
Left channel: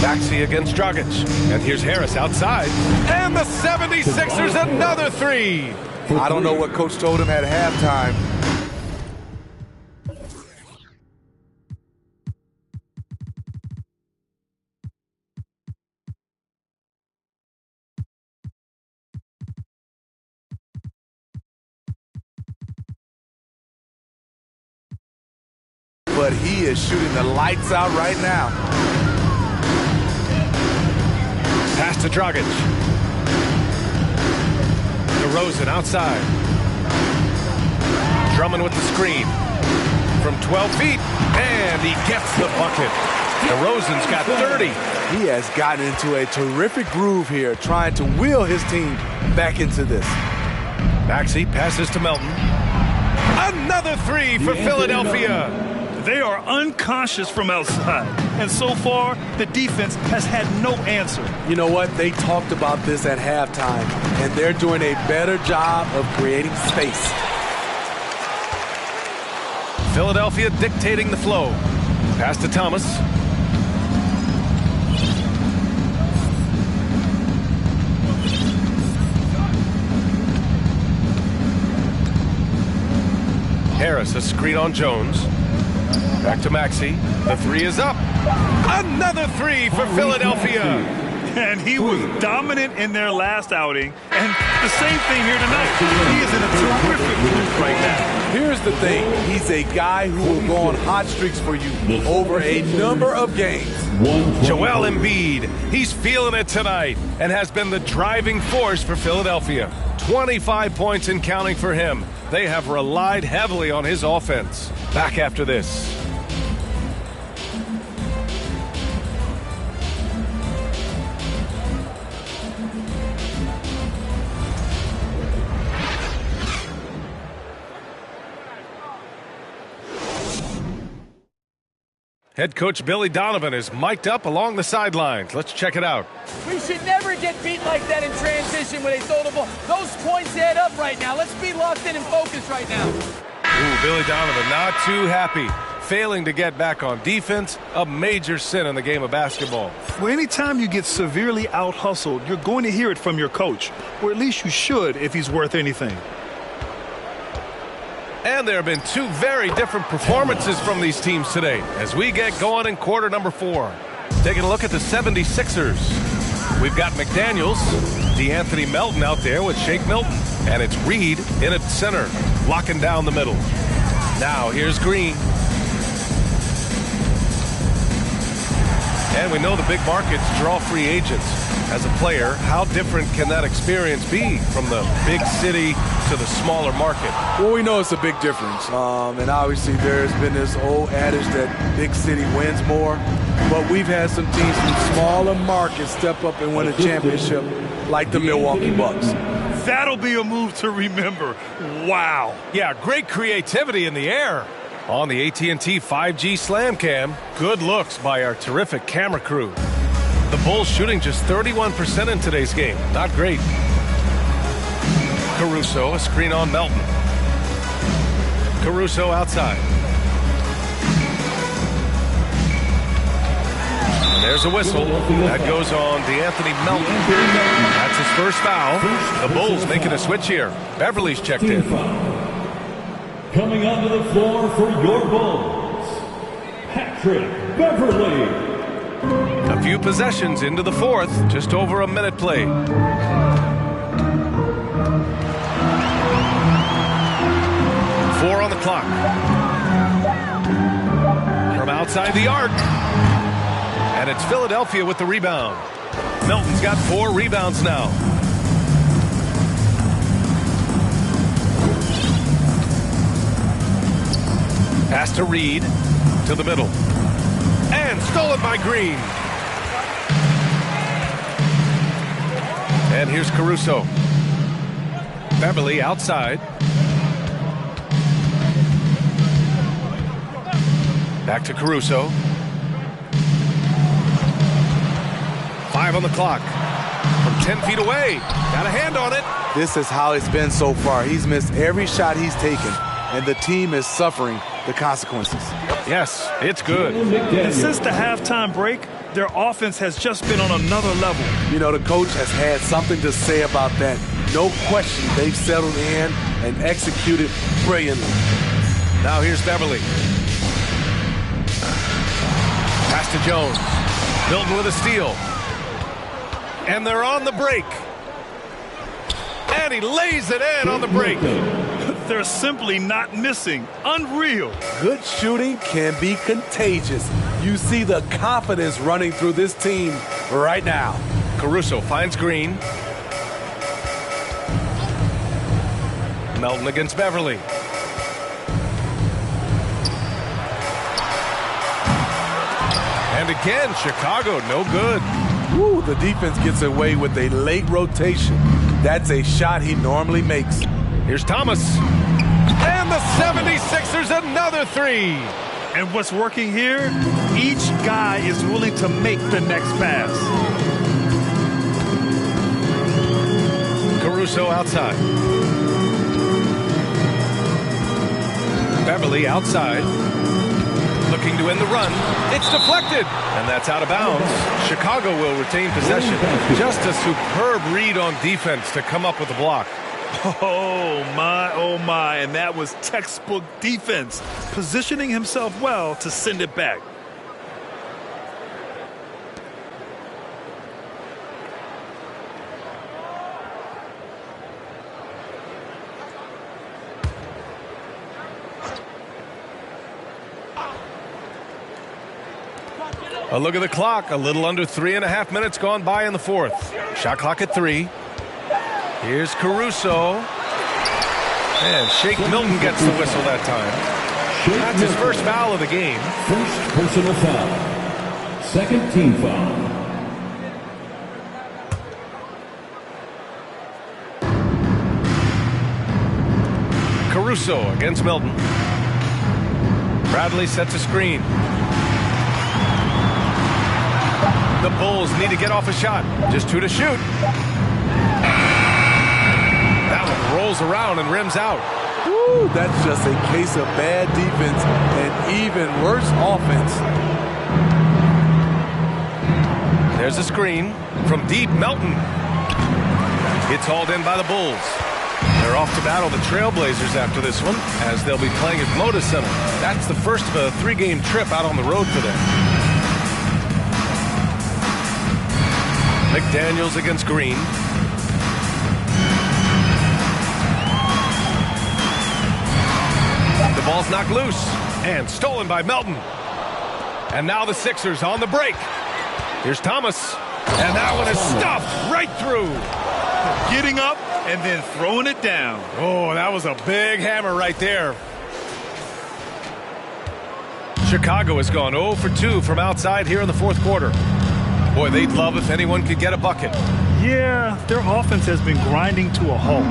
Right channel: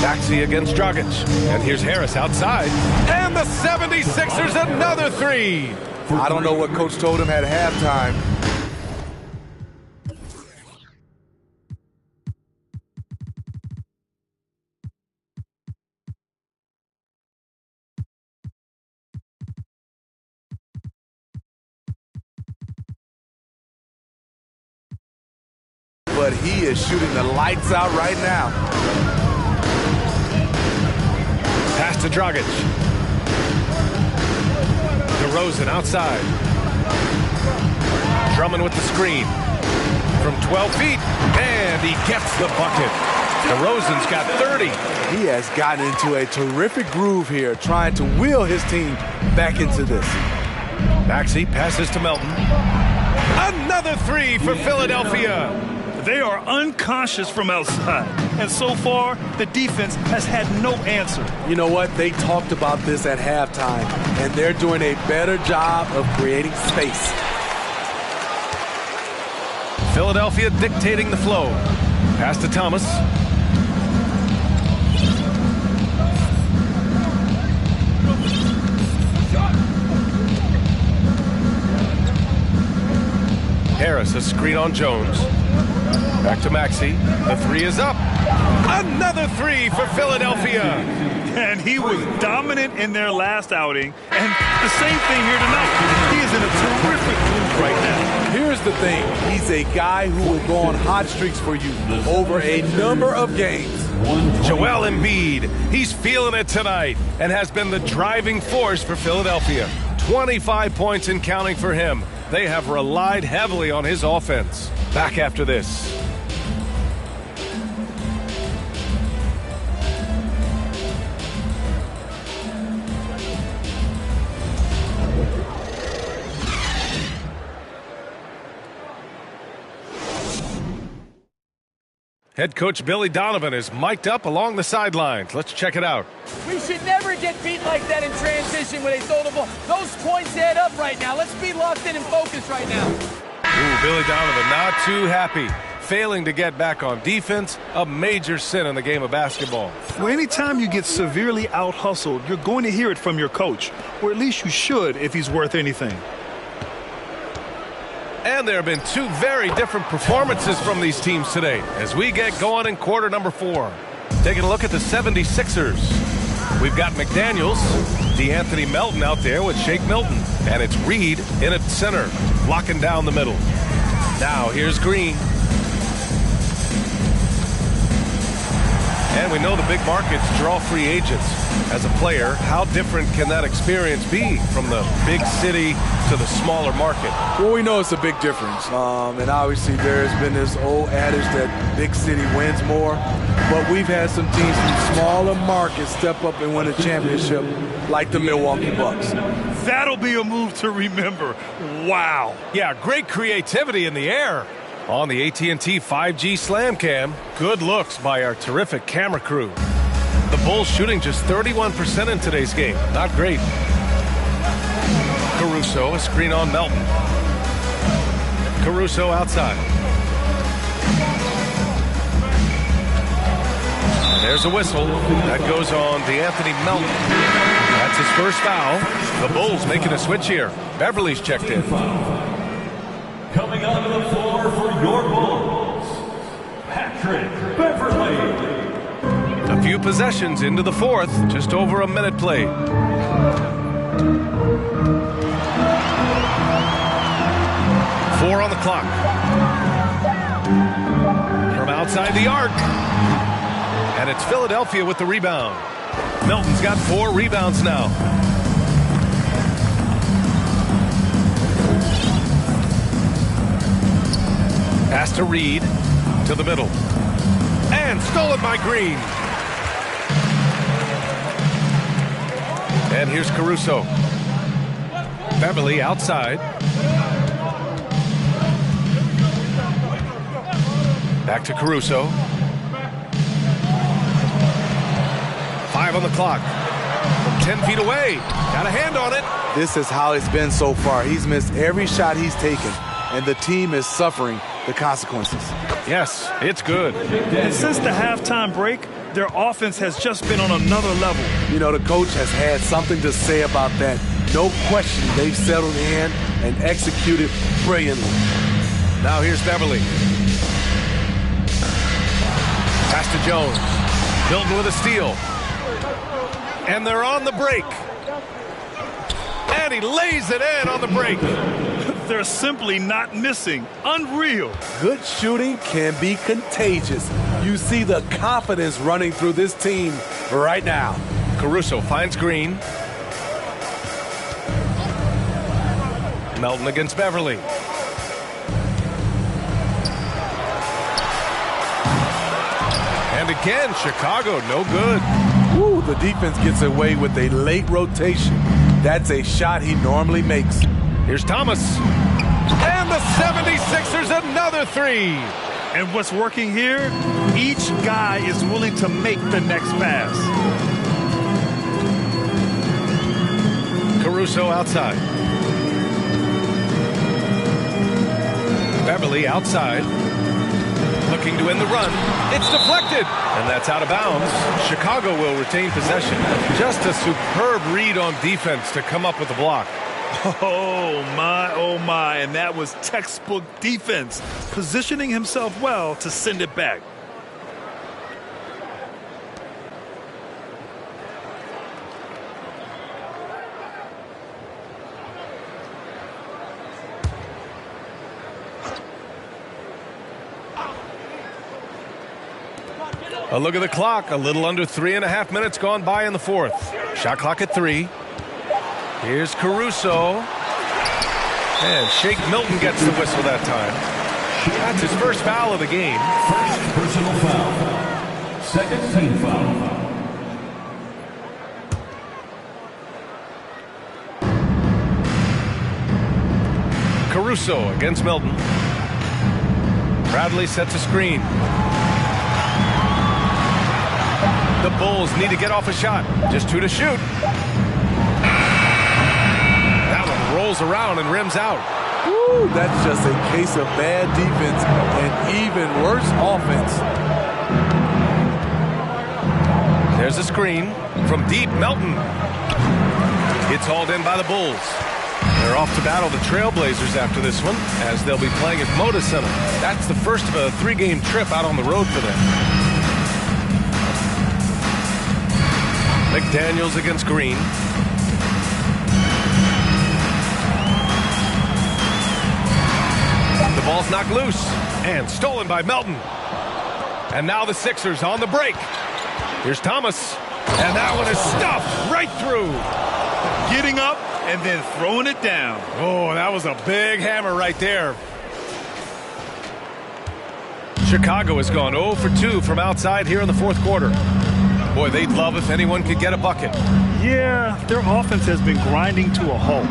Maxey against Dragic. And here's Harris outside. And the 76ers another 3. I don't know what Coach told him at halftime. But he is shooting the lights out right now. Pass to Dragic. DeRozan outside. Drummond with the screen. From 12 feet. And he gets the bucket. DeRozan's got 30. He has gotten into a terrific groove here, trying to wheel his team back into this. Maxey passes to Melton. Another 3 for Philadelphia. They are unconscious from outside. And so far, the defense has had no answer. You know what? They talked about this at halftime, and they're doing a better job of creating space. Philadelphia dictating the flow. Pass to Thomas. Harris, a screen on Jones. Back to Maxey. The 3 is up. Another 3 for Philadelphia. And he was dominant in their last outing. And the same thing here tonight. He is in a terrific groove right now. Here's the thing. He's a guy who will go on hot streaks for you over a number of games. Joel Embiid. He's feeling it tonight and has been the driving force for Philadelphia. 25 points and counting for him. They have relied heavily on his offense. Back after this. Head coach Billy Donovan is mic'd up along the sidelines. Let's check it out. We should never get beat like that in transition when they throw the ball. Those points add up right now. Let's be locked in and focused right now. Ooh, Billy Donovan not too happy. Failing to get back on defense, a major sin in the game of basketball. Well, anytime you get severely out-hustled, you're going to hear it from your coach. Or at least you should if he's worth anything. And there have been 2 very different performances from these teams today as we get going in quarter number 4. Taking a look at the 76ers. We've got McDaniels, DeAnthony Melton out there with Shake Milton. And it's Reed in at center, locking down the middle. Now here's Green. And we know the big markets draw free agents. As a player, how different can that experience be from the big city to the smaller market? Well, we know it's a big difference. And obviously there's been this old adage that big city wins more. But we've had some teams from smaller markets step up and win a championship like the Milwaukee Bucks. That'll be a move to remember. Wow. Yeah, great creativity in the air. On the AT&T 5G Slam Cam, good looks by our terrific camera crew. The Bulls shooting just 31% in today's game. Not great. Caruso, a screen on Melton. Caruso outside. And there's a whistle. That goes on DeAnthony Melton. That's his first foul. The Bulls making a switch here. Beverly's checked in. Coming onto the floor for your Bulls, Patrick Beverly. A few possessions into the fourth. Just over a minute played. Four on the clock. From outside the arc. And it's Philadelphia with the rebound. Melton's got 4 rebounds now. Pass to Reed. To the middle. And stolen by Green. And here's Caruso. Beverly outside. Back to Caruso. 5 on the clock. From 10 feet away. Got a hand on it. This is how it's been so far. He's missed every shot he's taken, and the team is suffering the consequences. Yes, it's good. And since the halftime break, their offense has just been on another level. You know, the coach has had something to say about that. No question, they've settled in and executed brilliantly. Now here's Beverly. Pass to Jones. Milton with a steal. And they're on the break. And he lays it in on the break. They're simply not missing. Unreal. Good shooting can be contagious. You see the confidence running through this team right now. Caruso finds Green. Melton against Beverly. And again, Chicago, no good. Woo, the defense gets away with a late rotation. That's a shot he normally makes. Here's Thomas. And the 76ers another 3. And what's working here? Each guy is willing to make the next pass. Caruso outside. Beverly outside. Looking to end the run. It's deflected. And that's out of bounds. Chicago will retain possession. Just a superb read on defense to come up with the block. Oh, my. And that was textbook defense. Positioning himself well to send it back. A look at the clock. A little under 3.5 minutes gone by in the fourth. Shot clock at 3. Here's Caruso. And Shake Milton gets the whistle that time. That's his first foul of the game. First personal foul. Second team foul. Caruso against Milton. Bradley sets a screen. The Bulls need to get off a shot. Just 2 to shoot. That one rolls around and rims out. Woo, that's just a case of bad defense and even worse offense. There's a screen from deep. Melton. It's hauled in by the Bulls. They're off to battle the Trailblazers after this one, as they'll be playing at Moda Center. That's the first of a 3-game trip out on the road for them. McDaniels against Green. The ball's knocked loose and stolen by Melton. And now the Sixers on the break. Here's Thomas. And that one is stuffed right through. Getting up and then throwing it down. Oh, that was a big hammer right there. Chicago has gone 0 for 2 from outside here in the fourth quarter. Boy, they'd love if anyone could get a bucket. Yeah, their offense has been grinding to a halt.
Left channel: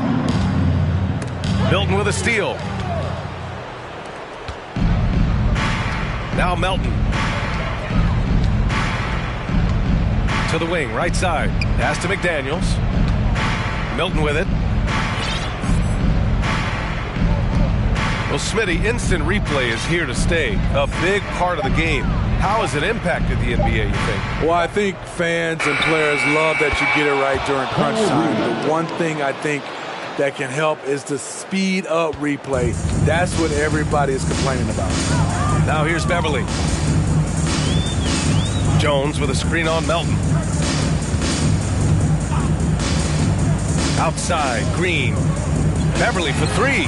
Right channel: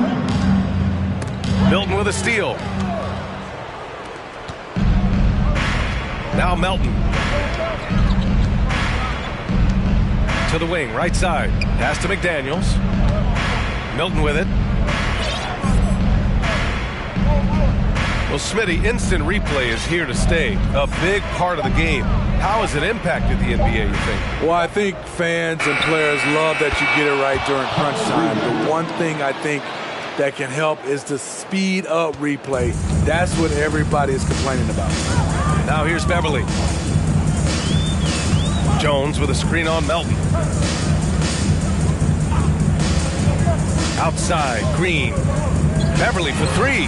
Milton with a steal. Now Melton. To the wing, right side. Pass to McDaniels. Milton with it. Well, Smitty, instant replay is here to stay. A big part of the game. How has it impacted the NBA, you think? Well, I think fans and players love that you get it right during crunch time. The one thing I think that can help is the speed up replay. That's what everybody is complaining about. Now here's Beverly. Jones with a screen on Melton. Outside, Green. Beverly for three.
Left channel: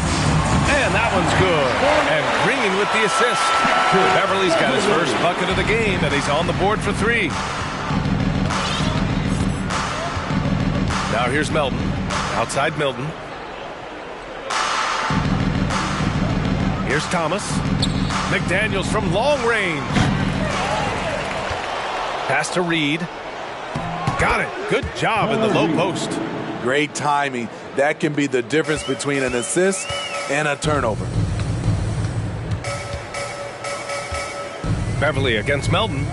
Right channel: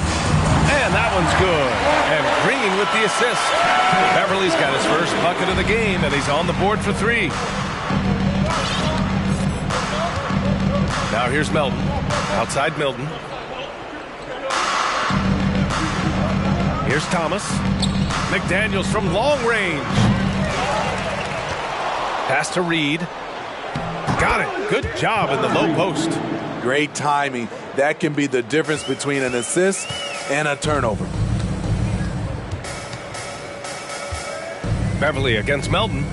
And that one's good. And Green with the assist. Beverly's got his first bucket of the game, and he's on the board for three. Now here's Melton. Outside Milton. Here's Thomas. McDaniels from long range. Pass to Reed. Got it. Good job in the low post. Great timing. That can be the difference between an assist and a turnover. Beverly against Melton.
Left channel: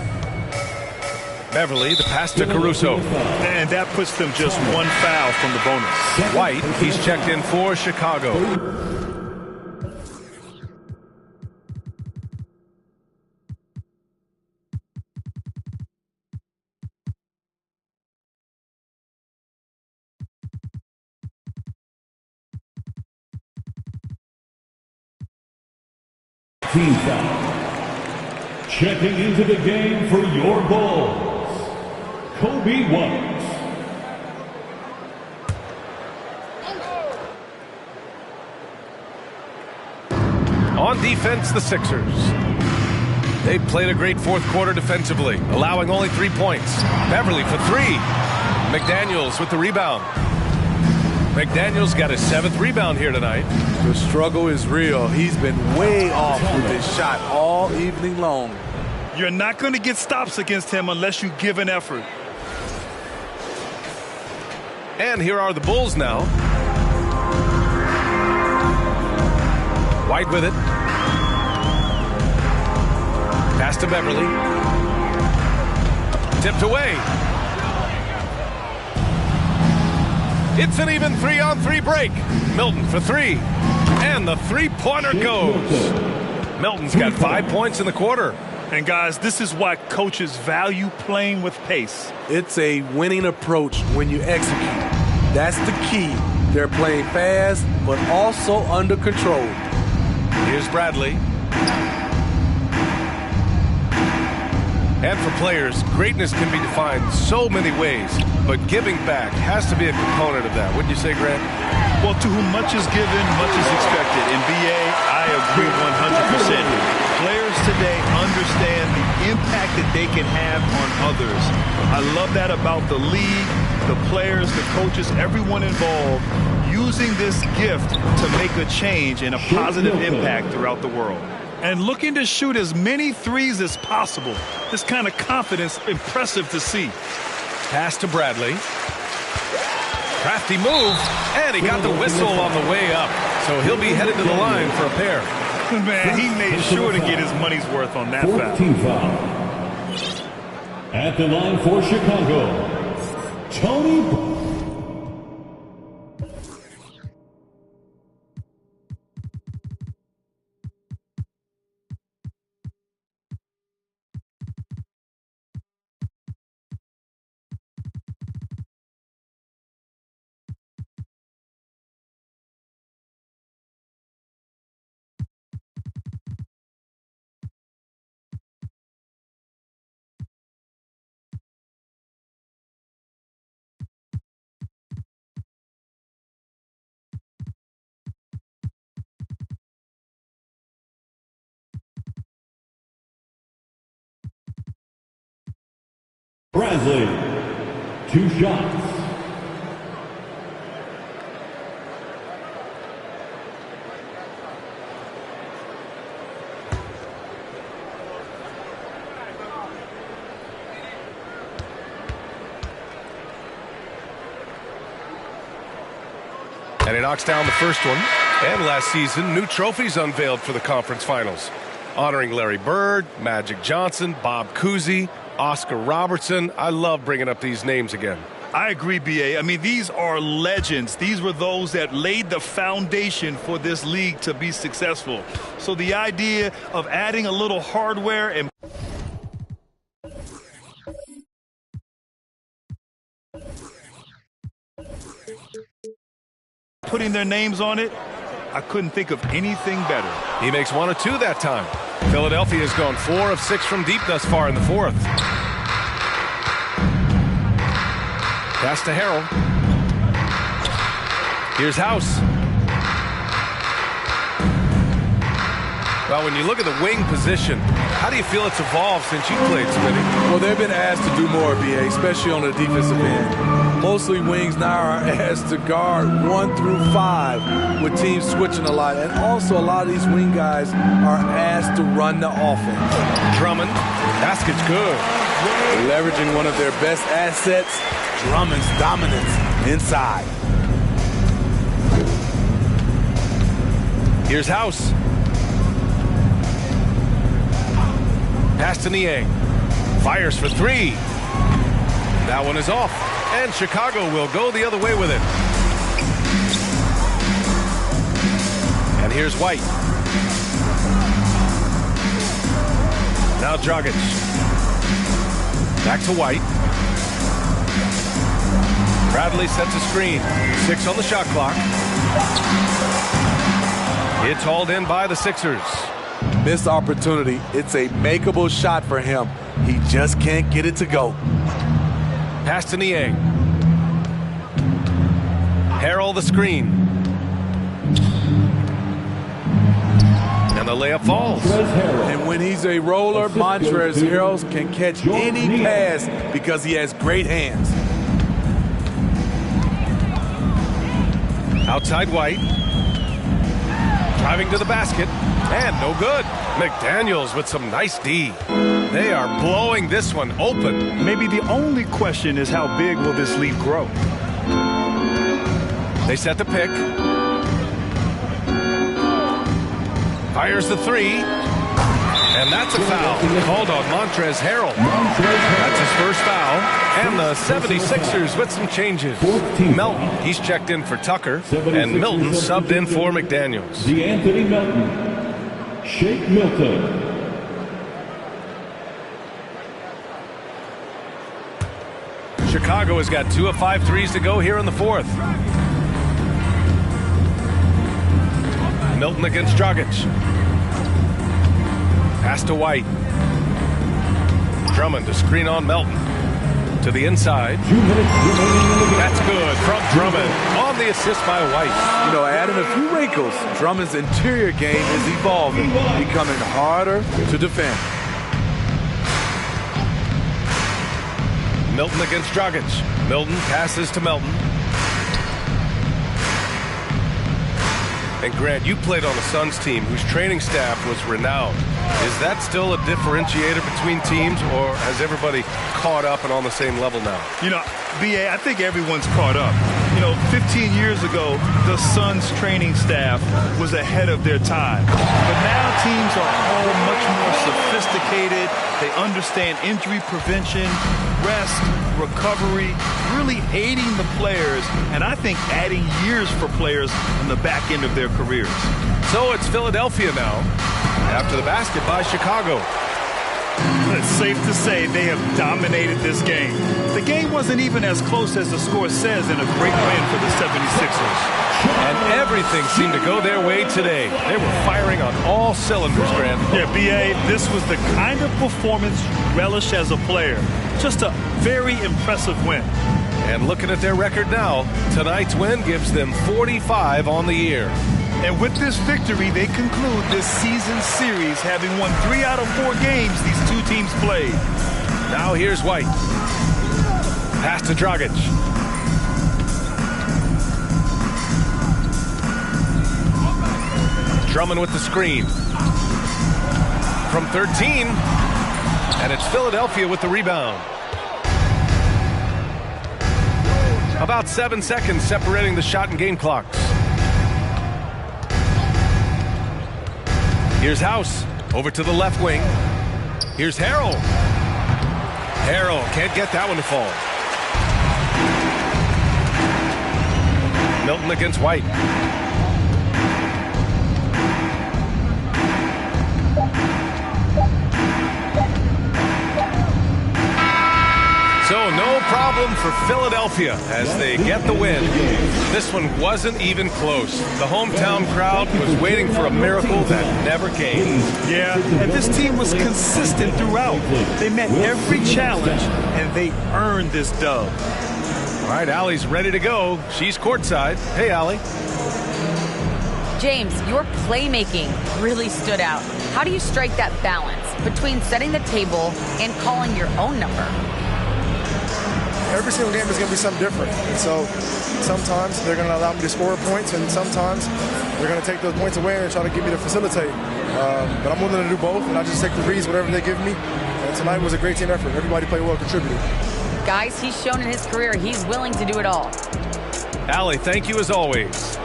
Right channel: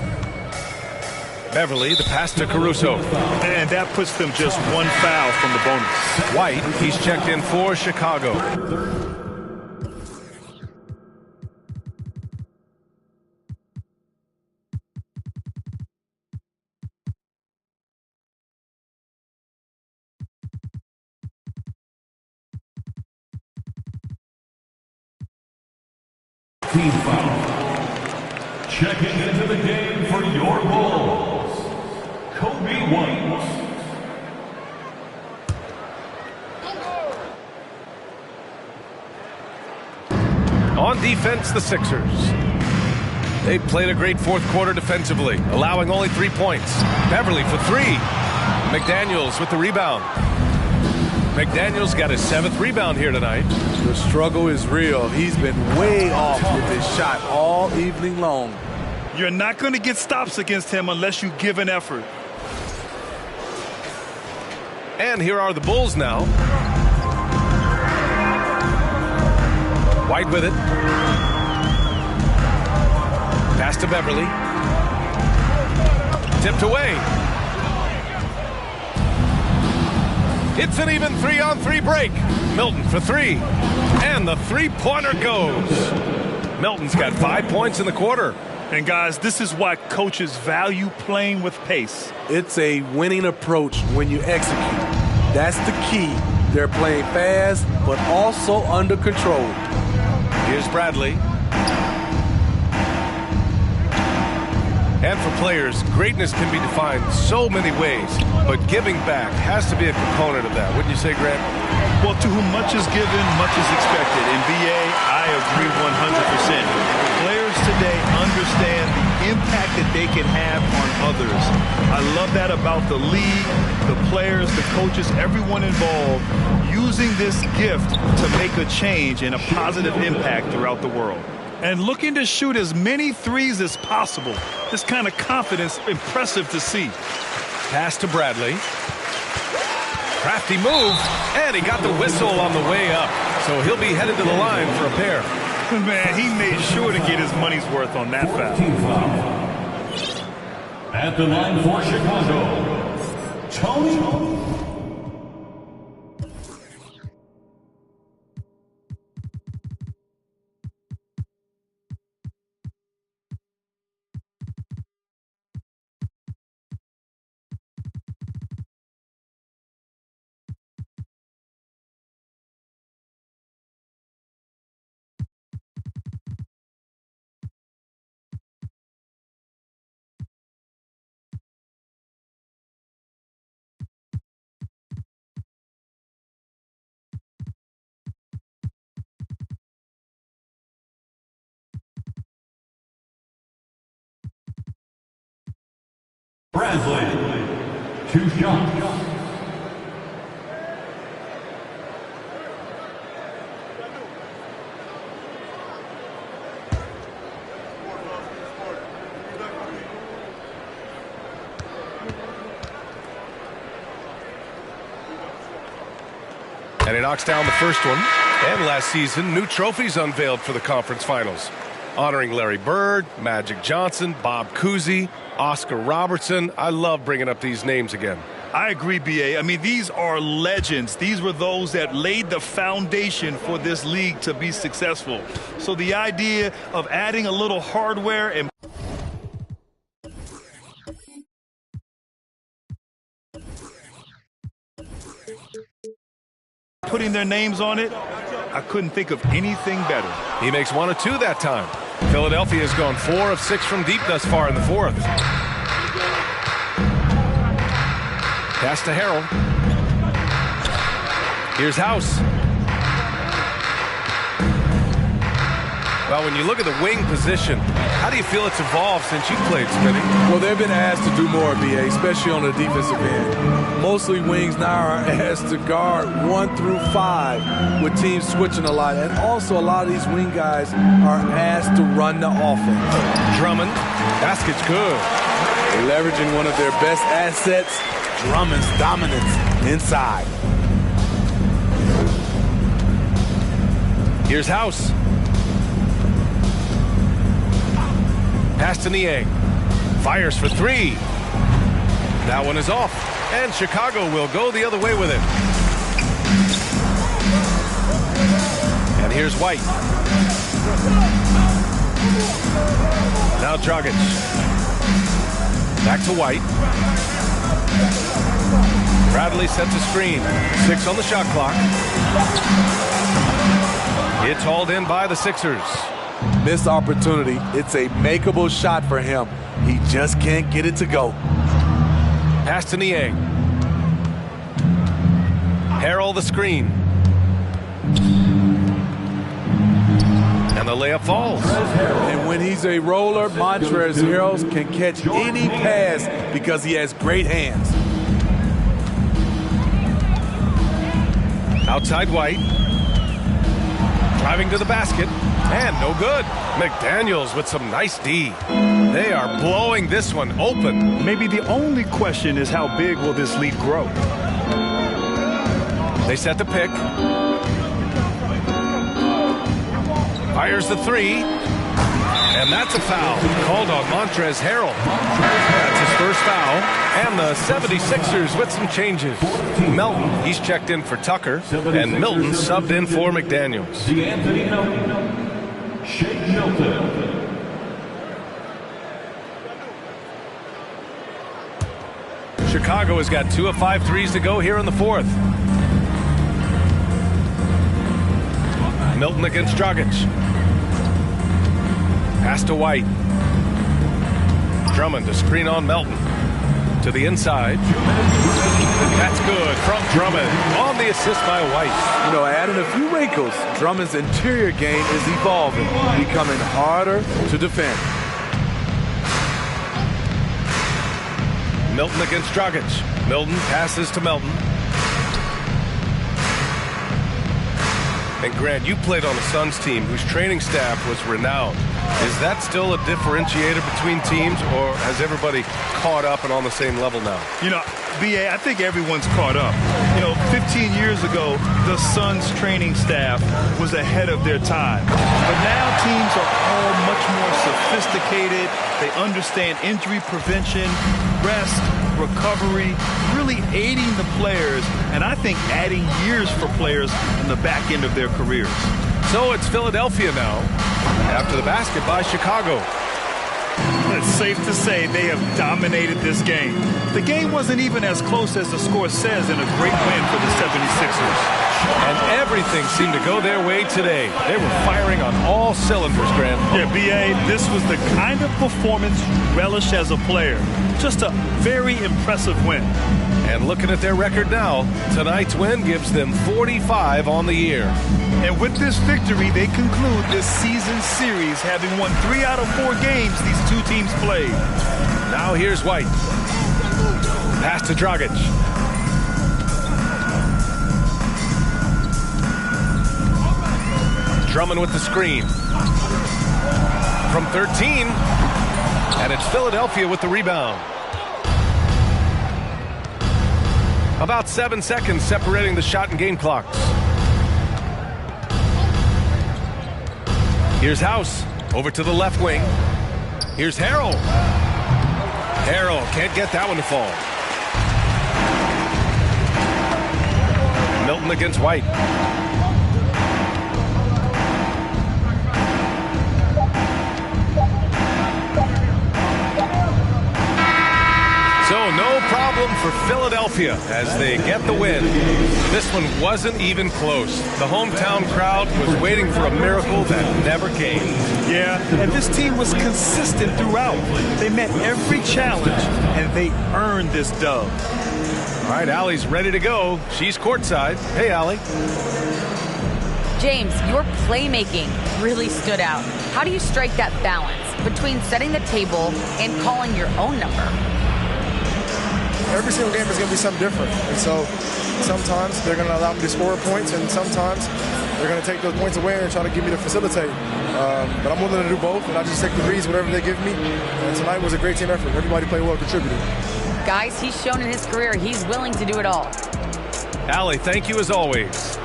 Beverly, the pass to Caruso. And that puts them just one foul from the bonus. White, he's checked in for Chicago. Team foul. Checking into the game for your Bulls, Kobe White. On defense, the Sixers. They played a great fourth quarter defensively, allowing only 3 points. Beverly for three. McDaniels with the rebound. McDaniels got his 7th rebound here tonight. The struggle is real. He's been way off with his shot all evening long. You're not going to get stops against him unless you give an effort. And here are the Bulls now. White with it. Pass to Beverly. Tipped away. It's an even 3-on-3 break. Milton for three. And the three-pointer goes. Milton's got 5 points in the quarter. And guys, this is why coaches value playing with pace. It's a winning approach when you execute. That's the key. They're playing fast, but also under control. Here's Bradley. And for players, greatness can be defined so many ways, but giving back has to be a component of that. Wouldn't you say, Grant? Well, to whom much is given, much is expected. In BA, I agree 100%. Players today understand the impact that they can have on others. I love that about the league, the players, the coaches, everyone involved, using this gift to make a change and a positive impact throughout the world. And looking to shoot as many threes as possible. This kind of confidence, impressive to see. Pass to Bradley. Crafty move, and he got the whistle on the way up. So he'll be headed to the line for a pair. Man, he made sure to get his money's worth on that foul. At the line for Chicago, Tony. Bradley, 2 shots. And he knocks down the first one. And last season, new trophies unveiled for the conference finals, honoring Larry Bird, Magic Johnson, Bob Cousy, Oscar Robertson. I love bringing up these names again. I agree, BA. I mean, these are legends. These were those that laid the foundation for this league to be successful. So the idea of adding a little hardware and putting their names on it, I couldn't think of anything better. He makes 1 of 2 that time. Philadelphia has gone 4 of 6 from deep thus far in the fourth. Pass to Harrell. Here's House. Well, when you look at the wing position, how do you feel it's evolved since you played, Smitty? Well, they've been asked to do more, BA, especially on the defensive end. Mostly wings now are asked to guard 1 through 5 with teams switching a lot. And also a lot of these wing guys are asked to run the offense. Drummond. Basket's good. Leveraging one of their best assets, Drummond's dominance inside. Here's House. Pass to Niang. Fires for 3. That one is off. And Chicago will go the other way with it. And here's White. Now Dragic. Back to White. Bradley sets a screen. 6 on the shot clock. It's hauled in by the Sixers. Missed opportunity. It's a makeable shot for him. He just can't get it to go. Pass to Niang. Harrell the screen. And the layup falls. And when he's a roller, Montrezl Harrell can catch any pass because he has great hands. Outside White. Driving to the basket. And no good. McDaniels with some nice D. They are blowing this one open. Maybe the only question is how big will this lead grow? They set the pick. Fires the 3. And that's a foul called on Montrezl Harrell. That's his first foul. And the 76ers with some changes. Melton, he's checked in for Tucker. And Milton subbed in for McDaniels. D'Anthony Melton. Shake Milton. Chicago has got 2 of 5 threes to go here in the fourth. Milton against Dragic. Pass to White. Drummond to screen on Melton. To the inside. That's good from Drummond on the assist by White. You know, adding a few wrinkles, Drummond's interior game is evolving, becoming harder to defend. Milton against Dragic. Milton passes to Melton. And Grant, you played on a Suns team whose training staff was renowned. Is that still a differentiator between teams, or has everybody caught up and on the same level now? You know, BA, I think everyone's caught up. You know, 15 years ago, the Suns training staff was ahead of their time. But now teams are all much more sophisticated. They understand injury prevention, rest, recovery, really aiding the players, and I think adding years for players on the back end of their careers. So it's Philadelphia now, after the basket by Chicago. It's safe to say they have dominated this game. The game wasn't even as close as the score says in a great win for the 76ers. And everything seemed to go their way today. They were firing on all cylinders, Grant. Yeah, B.A., this was the kind of performance you relish as a player. Just a very impressive win. And looking at their record now, tonight's win gives them 45 on the year. And with this victory, they conclude this season series, having won 3 out of 4 games these two teams played. Now here's White. Pass to Dragic. Drummond with the screen. From 13. And it's Philadelphia with the rebound. About 7 seconds separating the shot and game clocks. Here's House. Over to the left wing. Here's Harrell. Harrell can't get that one to fall. Milton against White. So no problem for Philadelphia as they get the win. This one wasn't even close. The hometown crowd was waiting for a miracle that never came. Yeah, and this team was consistent throughout. They met every challenge, and they earned this dub. All right, Allie's ready to go. She's courtside. Hey, Allie. James, your playmaking really stood out. How do you strike that balance between setting the table and calling your own number? Every single game is going to be something different. And so sometimes they're going to allow me to score points, and sometimes they're going to take those points away and try to get me to facilitate. But I'm willing to do both, and I just take the reads, whatever they give me. And tonight was a great team effort. Everybody played well, contributed. Guys, he's shown in his career he's willing to do it all. Allie, thank you as always.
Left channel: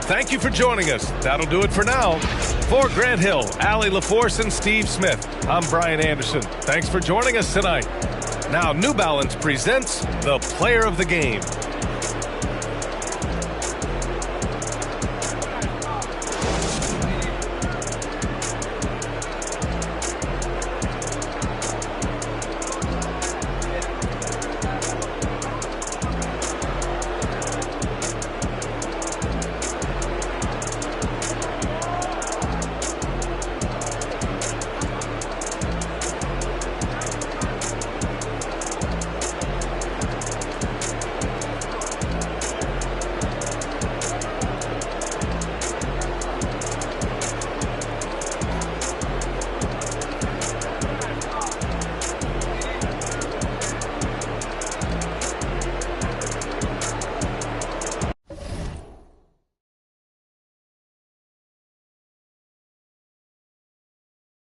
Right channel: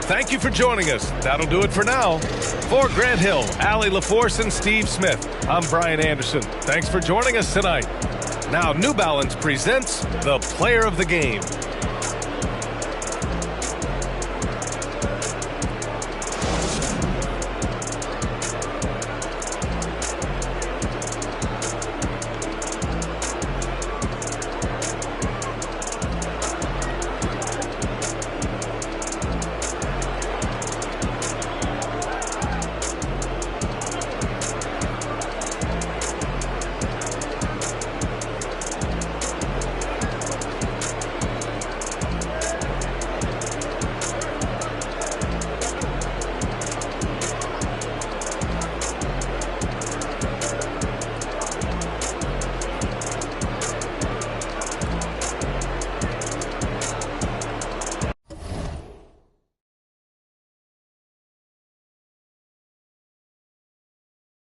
Thank you for joining us. That'll do it for now. For Grant Hill, Allie LaForce, and Steve Smith, I'm Brian Anderson. Thanks for joining us tonight. Now, New Balance presents the Player of the Game.